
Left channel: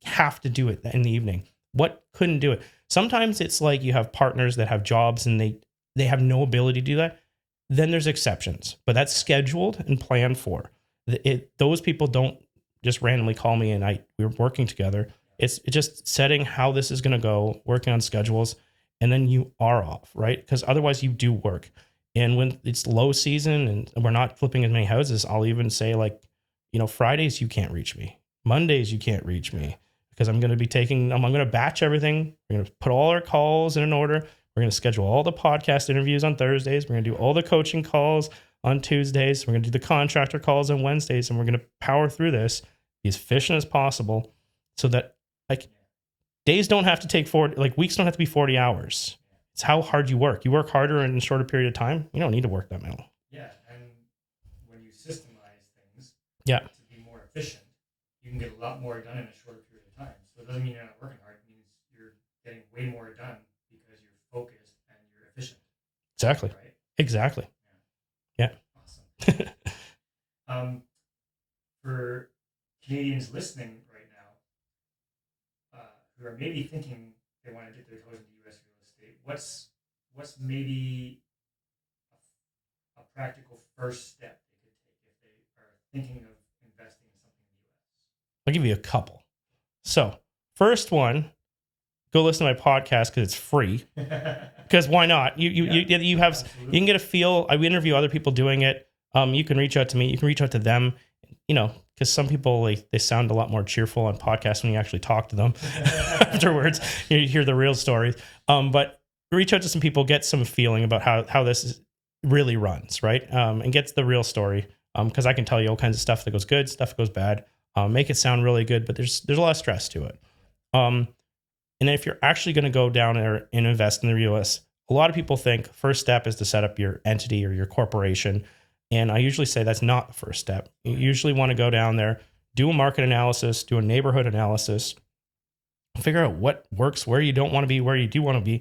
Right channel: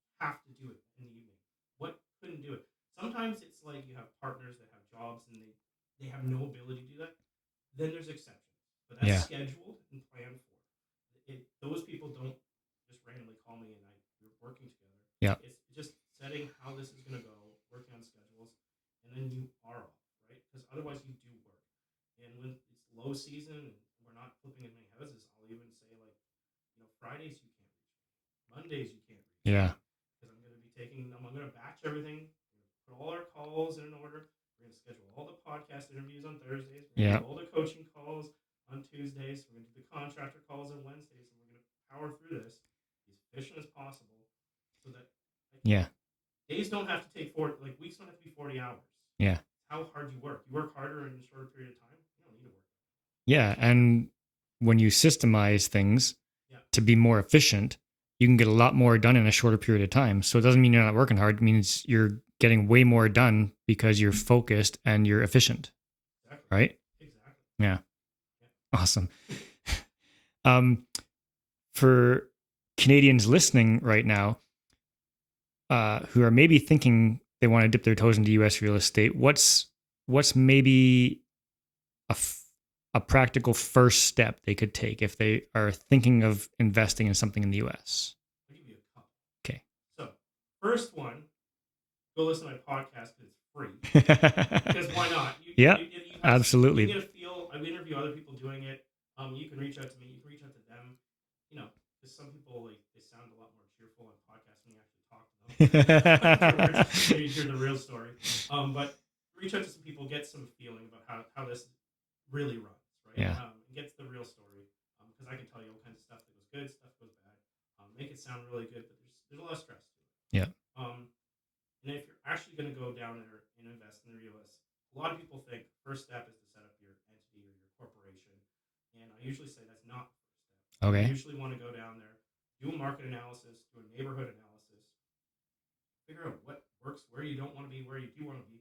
have to do it in the evening? What couldn't do it? Sometimes it's like you have partners that have jobs and they have no ability to do that. Then there's exceptions, but that's scheduled and planned for. Those people don't just randomly call me and we're working together. Yeah. It's just setting how this is going to go, working on schedules. And then you are off, right? Because otherwise you do work. And when it's low season and we're not flipping as many houses, I'll even say Fridays you can't reach me. Mondays you can't reach me because I'm going to batch everything. We're going to put all our calls in an order. We're going to schedule all the podcast interviews on Thursdays. We're going to do all the coaching calls on Tuesdays. We're going to do the contractor calls on Wednesdays, and we're going to power through this, be as efficient as possible so that days don't have to take 40, weeks don't have to be 40 hours. Yeah. It's how hard you work. You work harder in a shorter period of time. You don't need to work that long. Yeah. And when you systemize things to be more efficient, you can get a lot more done in a shorter period of time. So it doesn't mean you're not working hard. It means you're getting way more done because you're focused and you're efficient. Exactly. Right? Exactly. Yeah. Yeah. Awesome. For Canadians listening right now, who are maybe thinking they want to dip their toes into U.S. real estate, what's maybe a practical first step they could take if they are thinking of investing in something in the U.S.? I'll give you a couple. Okay. So, first one, go listen to my podcast because it's free. Because why not? You have absolutely. You can get a feel. I interview other people doing it. You can reach out to me. You can reach out to them. Because some people they sound a lot more cheerful on podcasts when you actually talk to them afterwards. You hear the real stories. But reach out to some people, get some feeling about how this really runs, right? Yeah. And get the real story. Because I can tell you all kinds of stuff that goes good, stuff that goes bad. Make it sound really good, but there's a lot of stress to it. Yeah. And if you're actually going to go down there and invest in the US, a lot of people think first step is to set up your entity or your corporation. And I usually say that's not the first step. Okay. You usually want to go down there, do a market analysis, do a neighborhood analysis, figure out what works, where you don't want to be, where you do want to be,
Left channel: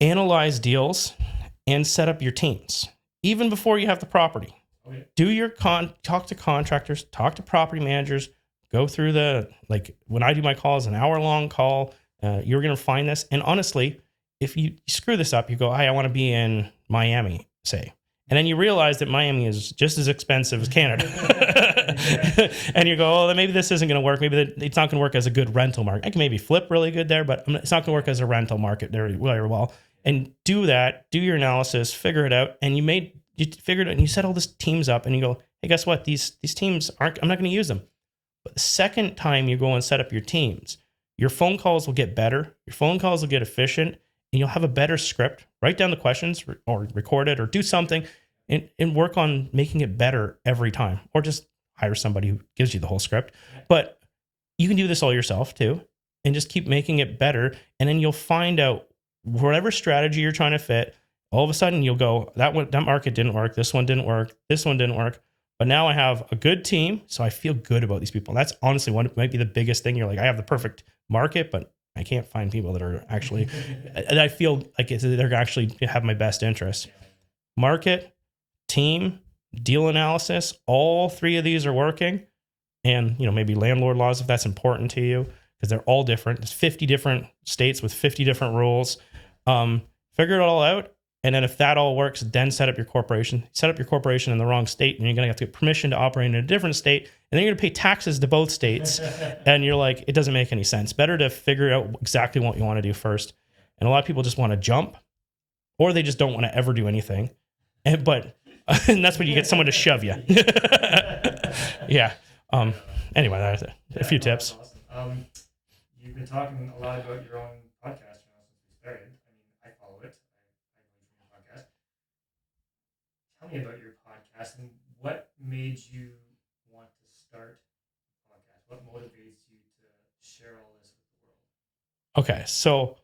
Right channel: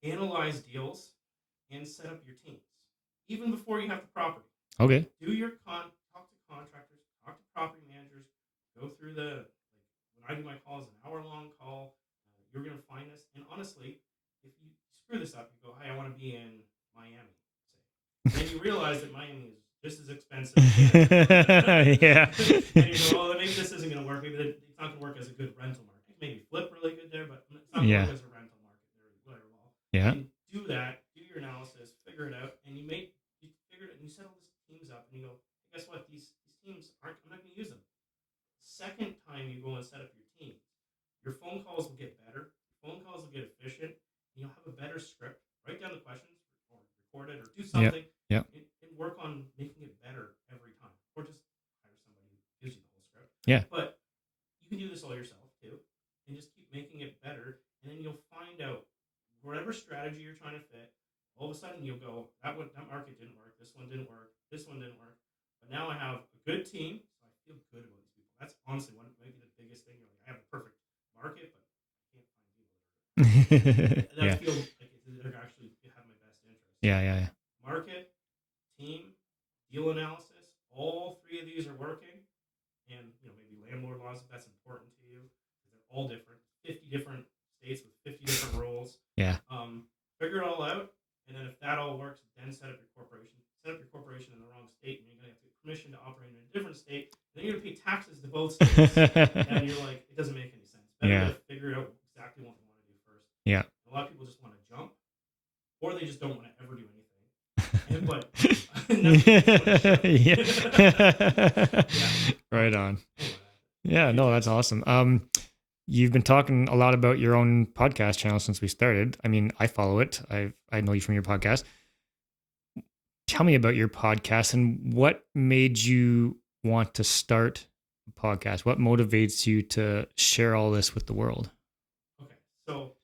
analyze deals, and set up your teams, even before you have the property. Okay. Do your talk to contractors, talk to property managers, go through when I do my calls, an hour-long call, you're going to find this. And honestly, if you screw this up, you go, hey, I want to be in Miami, say. And then you realize that Miami is just as expensive as Canada. Yeah. And you go, oh, maybe this isn't going to work. Maybe it's not going to work as a good rental market. I can maybe flip really good there, but it's not going to work as a rental market very well. Yeah. And do that, do your analysis, figure it out. And you figured it and you set all these teams up and you go, hey, guess what? These teams I'm not going to use them. But the second time you go and set up your teams, your phone calls will get better. Your phone calls will get efficient. And you'll have a better script. Write down the questions or record it or do something and work on making it better every time. Or just hire somebody who gives you the whole script. Yeah. But you can do this all yourself too and just keep making it better. And then you'll find out whatever strategy you're trying to fit. All of a sudden you'll go, that market didn't work. This one didn't work. This one didn't work. But now I have a good team. So I feel good about these people. That's honestly might be the biggest thing. You're like, I have the perfect market, but I can't find people that are actually, and I feel like they're actually have my best interest. Yeah. Market, team, deal analysis, all three of these are working. And, maybe landlord laws, if that's important to you, because they're all different. There's 50 different states with 50 different rules. Yeah. Figure it all out. And then if that all works, then set up your corporation. Set up your corporation in the wrong state, and you're going to have to get permission to operate in a different state. And then you're going to pay taxes to both states. And you're like, it doesn't make any sense. Better to figure out exactly what you want to do first. Yeah. And a lot of people just want to jump, or they just don't want to ever do anything. And that's when you get someone to shove you. Yeah. Right on. Anyway, that's it. Yeah, that's awesome. You've been talking a lot about your own podcast channel since we started. I mean, I follow it. I know you from your podcast. Tell me about your podcast and what made you want to start a podcast? What motivates you to share all this with the world? Okay, so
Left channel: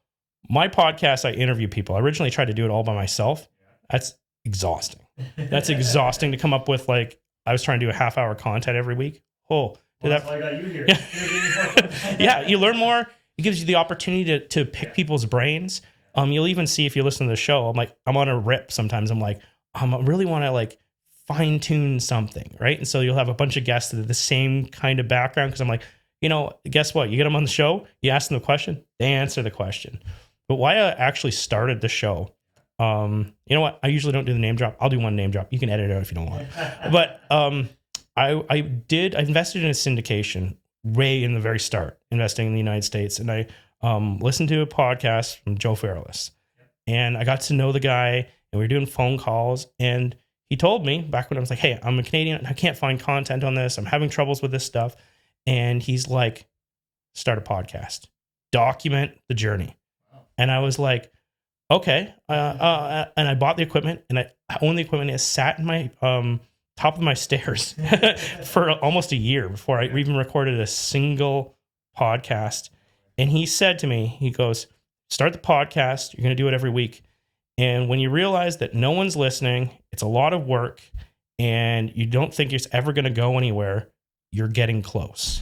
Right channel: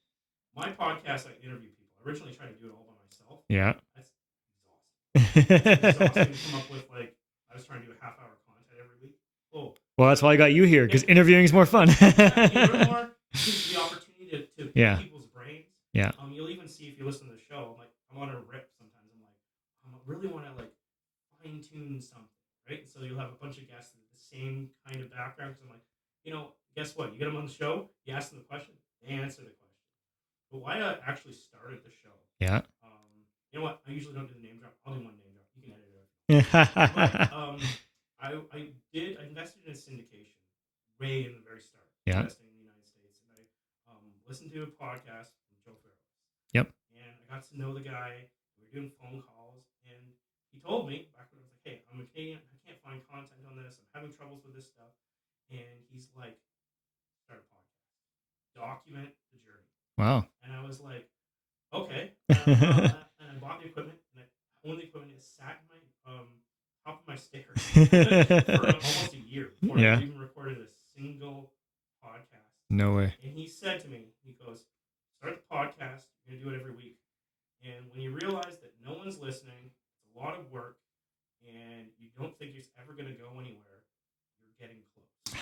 my podcast, I interview people. I originally tried to do it all by myself. Yeah. That's exhausting. That's exhausting to come up with. I was trying to do a half-hour content every week. Oh, well, that's why I got you here, because interviewing is more fun. Yeah, you learn more. It gives you the opportunity to pick people's brains. Yeah. You'll even see if you listen to the show. I'm on a rip sometimes. I'm like, I really want to fine tune something, right? And so you'll have a bunch of guests that are the same kind of background, because I'm like, guess what? You get them on the show, you ask them the question, they answer the question. But why I actually started the show. Yeah. You know what? I usually don't do the name drop. I'll do one name drop. You can edit it out if you don't want. But I invested in a syndication way in the very start, investing in the United States. And I listened to a podcast from Joe Fairless. Yep. And I got to know the guy, and we were doing phone calls. And he told me back when I was like, hey, I'm a Canadian and I can't find content on this. I'm having troubles with this stuff. And he's like, start a podcast, document the journey. Wow. And I was like, okay. And I bought the equipment, and I own the equipment. It sat in my top of my stairs for almost a year before I even recorded a single podcast. No way. And he said to me, he goes, start the podcast. You're going to do it every week. And when you realize that no one's listening, it's a lot of work, and you don't think it's ever going to go anywhere, you're getting close.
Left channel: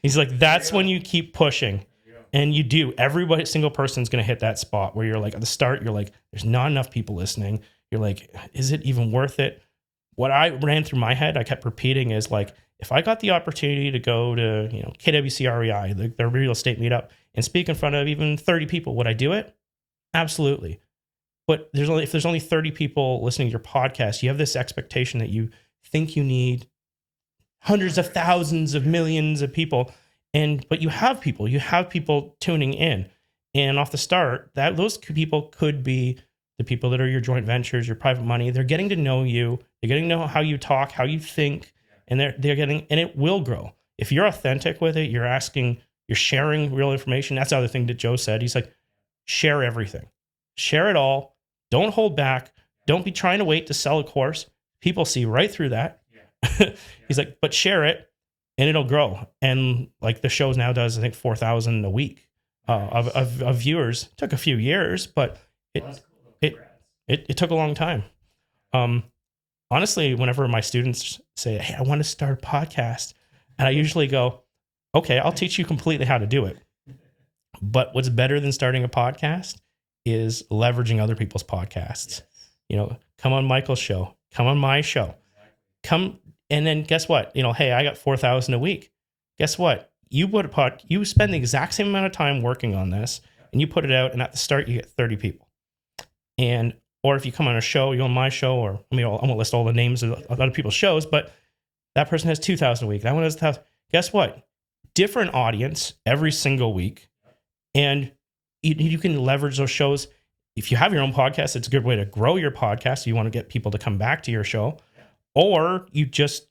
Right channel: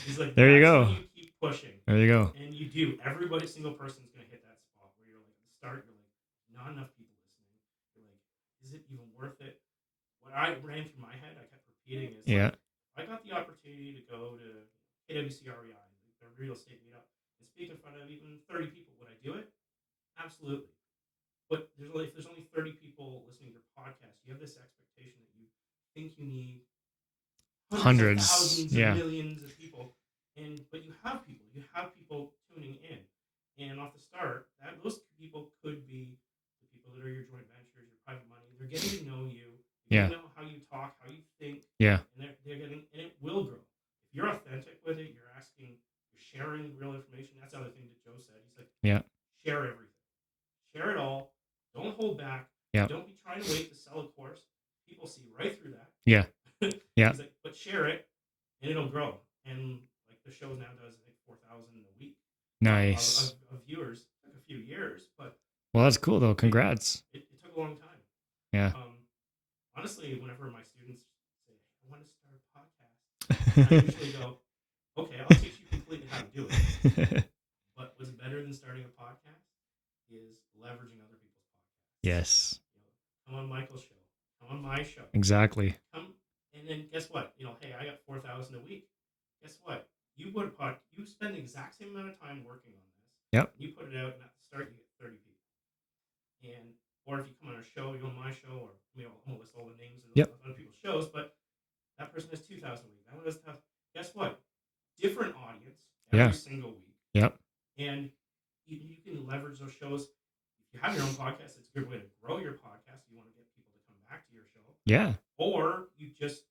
He's like, that's when you keep pushing. There you go. And you do. Everybody, single person's going to hit that spot where you're like, at the start, you're like, there's not enough people listening. You're like, is it even worth it? What I ran through my head, I kept repeating is like, if I got the opportunity to go to, KWCREI, their real estate meetup, and speak in front of even 30 people, would I do it? Absolutely. But if there's only 30 people listening to your podcast, you have this expectation that you think you need hundreds of thousands of millions of people. But you have people tuning in. And off the start, those people could be the people that are your joint ventures, your private money. They're getting to know you. They're getting to know how you talk, how you think. Yeah. And they're getting, and it will grow. If you're authentic with it, you're sharing real information. That's the other thing that Joe said. He's like, share everything. Share it all. Don't hold back. Yeah. Don't be trying to wait to sell a course. People see right through that. Yeah. Yeah. He's like, but share it and it'll grow. And like the show now does, I think 4,000 a week. Nice. Of viewers. Took a few years, but that's cool though. Congrats. It took a long time. Yeah. Honestly, whenever my students say, "Hey, I want to start a podcast," and I usually go, "Okay, I'll teach you completely how to do it." But what's better than starting a podcast is leveraging other people's podcasts. Yes. Come on Michael's show. Come on my show. Exactly. Come, and then guess what? Hey, I got 4,000 a week. Guess what? You spend the exact same amount of time working on this, and you put it out, and at the start you get 30 people. Or if you come on a show, you're on my show, or I won't list all the names of other people's shows, but that person has 2,000 a week. That one has 1,000. Guess what? Different audience every single week. Yep. And you can leverage those shows. If you have your own podcast, it's a good way to grow your podcast. You want to get people to come back to your show. Yeah. Or you just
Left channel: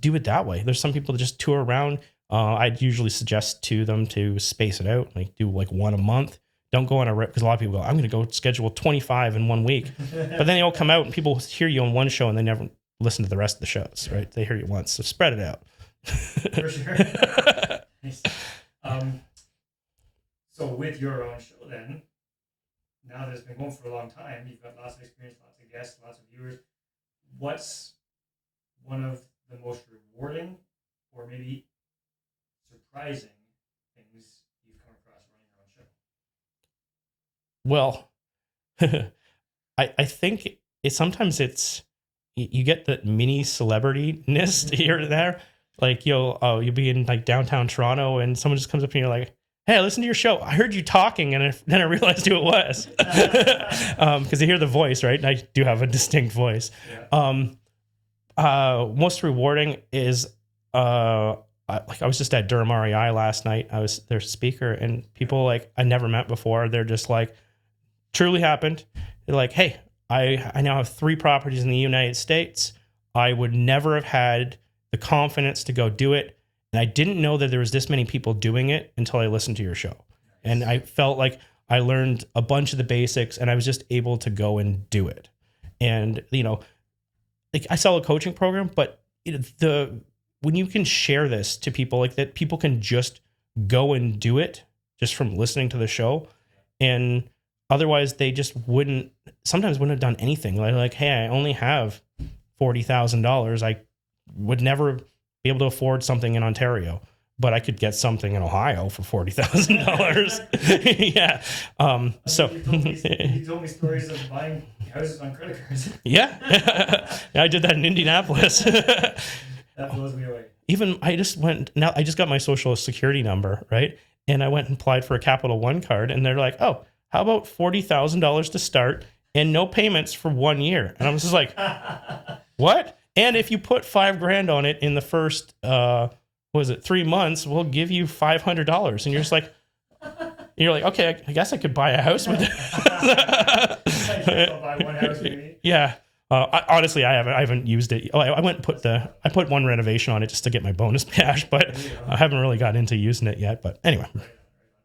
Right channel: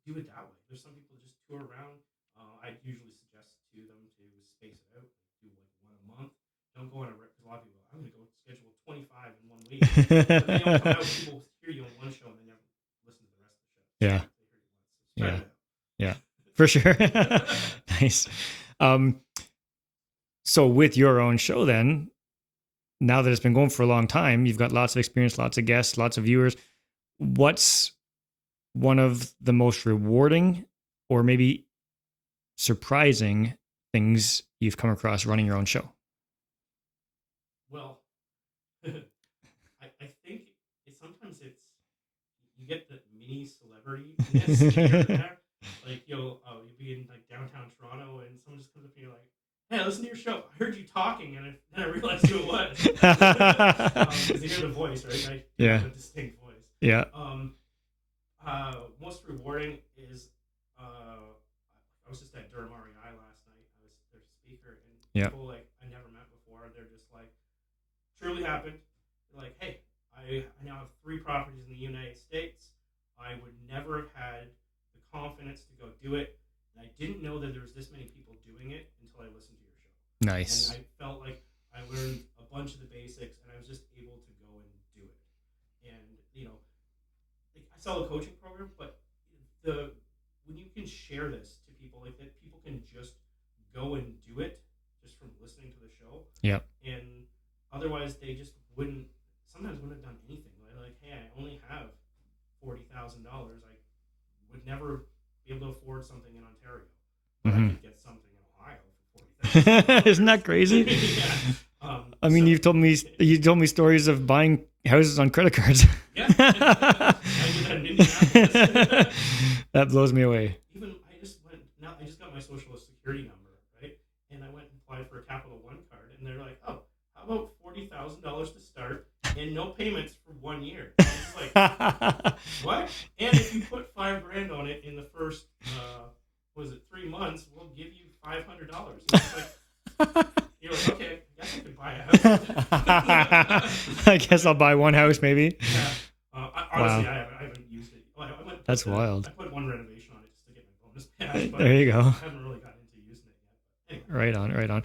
do it that way. There's some people that just tour around. I'd usually suggest to them to space it out, like do like one a month. Don't go on a rip, because a lot of people go, I'm going to go schedule 25 in 1 week. But then they all come out and people hear you on one show and they never listen to the rest of the shows. So they hear you once. So spread it out. Yeah, for sure. Nice. So with your own show then, now that it's been going for a long time, you've got lots of experience, lots of guests, lots of viewers. What's one of the most rewarding or maybe surprising things you've come across running your own show? Well, I think sometimes you get the mini celebrity-ness here and there. Like you'll be in like downtown Toronto and someone just comes up and you're like, "Hey, I listened to your show. I heard you talking," and then I realized who it was, because they hear the voice, right? And I do have a distinct voice. Yeah. Most rewarding is I was just at Durham REI last night. I was their speaker, and people like I never met before. They're just like, truly happened. They're like, "Hey, I now have 3 properties in the United States. I would never have had the confidence to go do it. And I didn't know that there was this many people doing it until I listened to your show." Nice. And I felt like I learned a bunch of the basics and I was just able to go and do it. And, like I sell a coaching program, but when you can share this to people like that, people can just go and do it just from listening to the show. Yeah. And otherwise they just wouldn't have done anything. Like, "Hey, I only have $40,000. I would never be able to afford something in Ontario, but I could get something in Ohio for $40,000. Isn't that crazy? Yeah. You told me stories of buying houses on credit cards. Yeah. I did that in Indianapolis. That blows me away. I just got my social security number, right? And I went and applied for a Capital One card, and they're like, "Oh, how about $40,000 to start and no payments for 1 year?" And I was just like, "What?" And if you put $5,000 on it in the first, 3 months, we'll give you $500. And you're just like, "Okay, I guess I could buy a house with it." I guess I'll buy one house maybe. Yeah. Honestly, I haven't used it. I went and I put one renovation on it just to get my bonus cash, but there you go. I haven't really got into using it yet. But anyway, right on.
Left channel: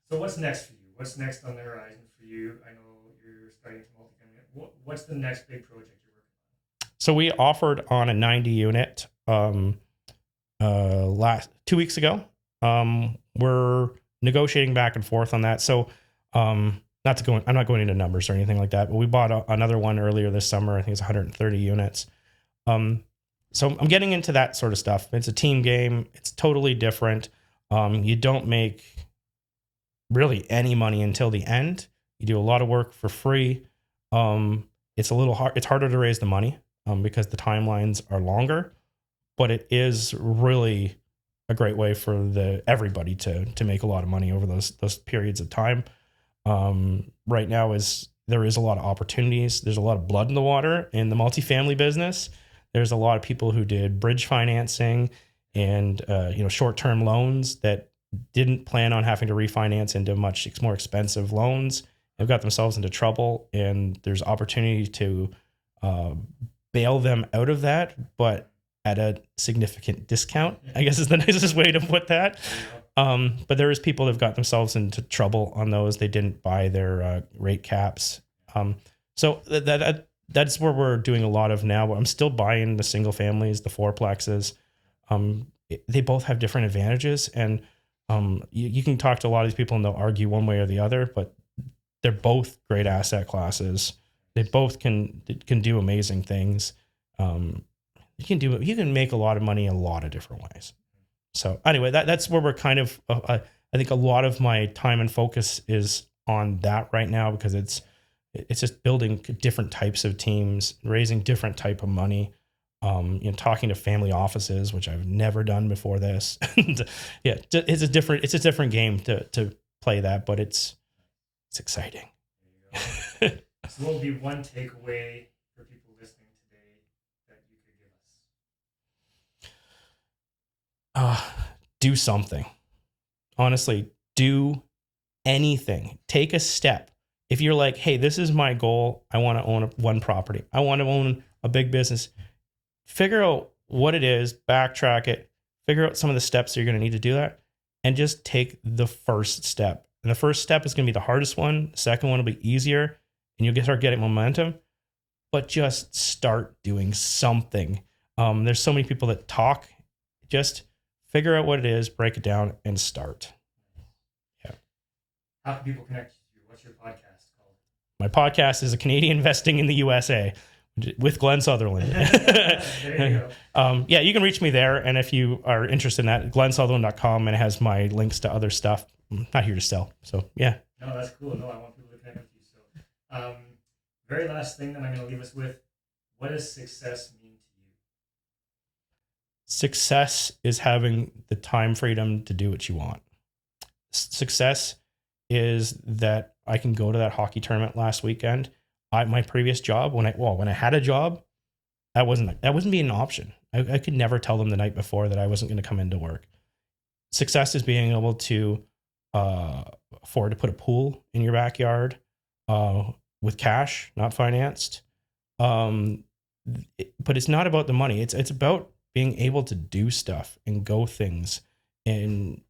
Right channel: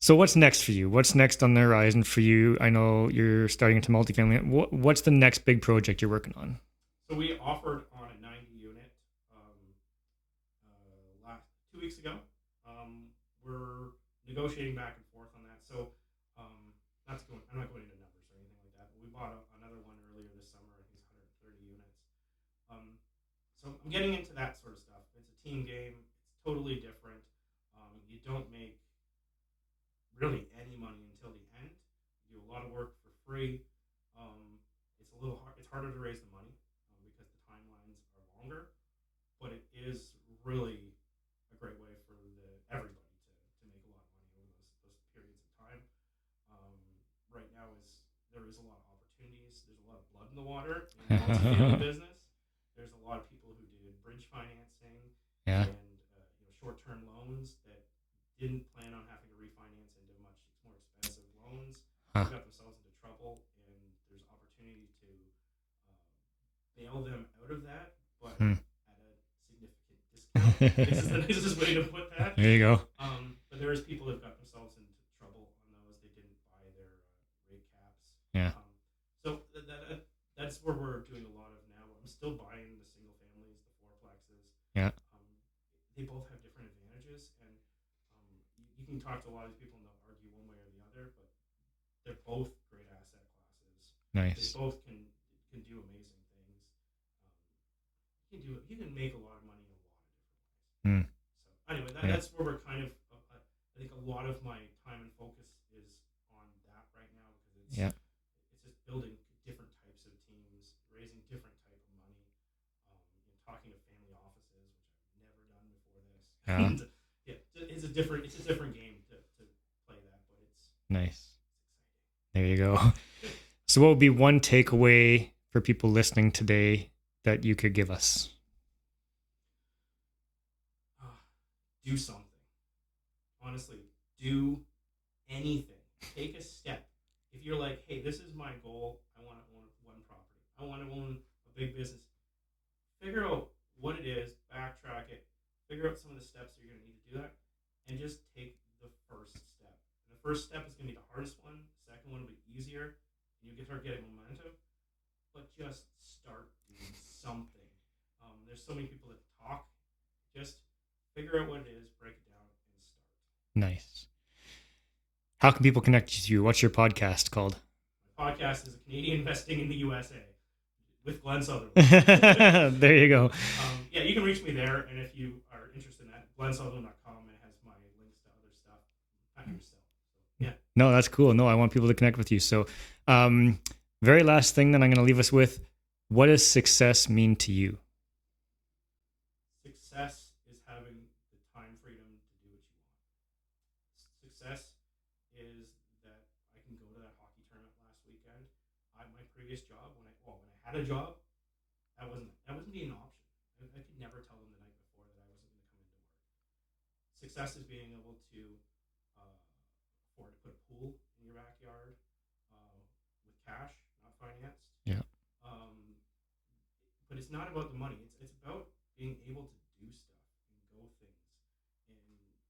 So what's next for you? What's next on the horizon for you? I know you're starting into multifamily. What's the next big project you're working on? So we offered on a 90 unit 2 weeks ago. We're negotiating back and forth on that. So I'm not going into numbers or anything like that, but we bought another one earlier this summer. I think it's 130 units. So I'm getting into that sort of stuff. It's a team game. It's totally different. You don't make really any money until the end. You do a lot of work for free. It's a little hard. It's harder to raise the money because the timelines are longer. but it is really a great way for everybody to make a lot of money over those periods of time. Right now there is a lot of opportunities. There's a lot of blood in the water in the multifamily business. There's a lot of people who did bridge financing and short-term loans that didn't plan on having to refinance into much more expensive loans. They've got themselves into trouble, and there's opportunity to bail them out of that, but at a significant discount, I guess is the nicest way to put that. There you go. But there is people that have got themselves into trouble on those. They didn't buy their rate caps. Yeah. So that's where we're doing a lot of now. I'm still buying the single families, the fourplexes. Yeah. They both have different advantages, and you can talk to a lot of these people and they'll argue one way or the other, but they're both great asset classes. Nice. They both can do amazing things. You can make a lot of money a lot of different ways. So anyway, that's where we're kind of, I think a lot of my time and focus is on that right now, because it's just building different types of teams, raising different type of money, talking to family offices, which I've never done before this. And it's a different game to play that, but it's nice. It's exciting. There you go. So what would be one takeaway for people listening today that you could give us? Do something. Honestly, do anything. Take a step. If you're like, hey, this is my goal, I want to own one property, I want to own a big business, figure out what it is, backtrack it, figure out some of the steps you're going to need to do that, and just take the first step. And the first step is going to be the hardest one. The second one will be easier, and you'll start getting momentum. But just start doing something. There's so many people that talk. Just figure out what it is, break it down, and start. Nice. Yeah. How can people connect with you? What's your podcast called? My podcast is A Canadian Investing in the USA with Glen Sutherland. There you go. You can reach me there. And if you are interested in that, glensutherland.com, and it has my links to other stuff. I'm not here to sell. So, yeah. No, that's cool. No, I want people to connect with you. So, very last thing that I'm going to leave us with, what does success mean to you? Success is having the time freedom to do what you want. Success is that I can go to that hockey tournament last weekend. My previous job, when I had a job, that wasn't being an option. I could never tell them the night before that I wasn't going to come into work. Success is being able to afford to put a pool in your backyard with cash, not financed. Yeah. But it's not about the money. It's about being able to do stuff and go things and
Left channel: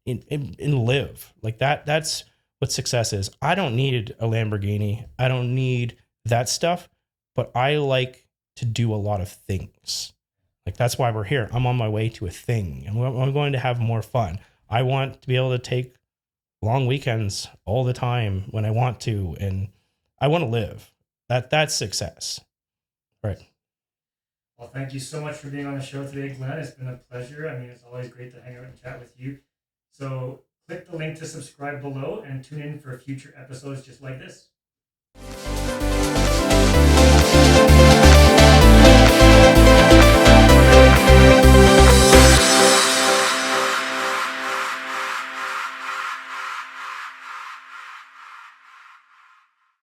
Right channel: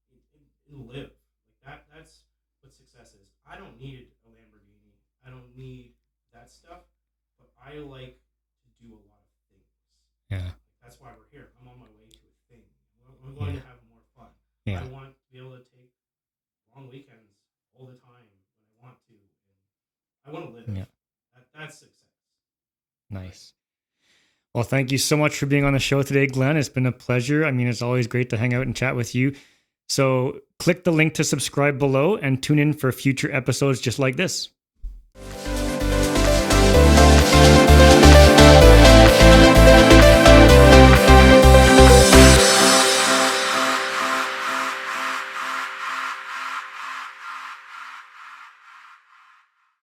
live like that. That's what success is. I don't need a Lamborghini. I don't need that stuff, but I like to do a lot of things. Yeah. Like that's why we're here. I'm on my way to a thing, and I'm going to have more fun. Yeah. I want to be able to take long weekends all the time when I want to, and I want to live. Yeah. That's success. Nice. Right. Well, thank you so much for being on the show today, Glen. It's been a pleasure. I mean, it's always great to hang out and chat with you. So click the link to subscribe below and tune in for future episodes just like this.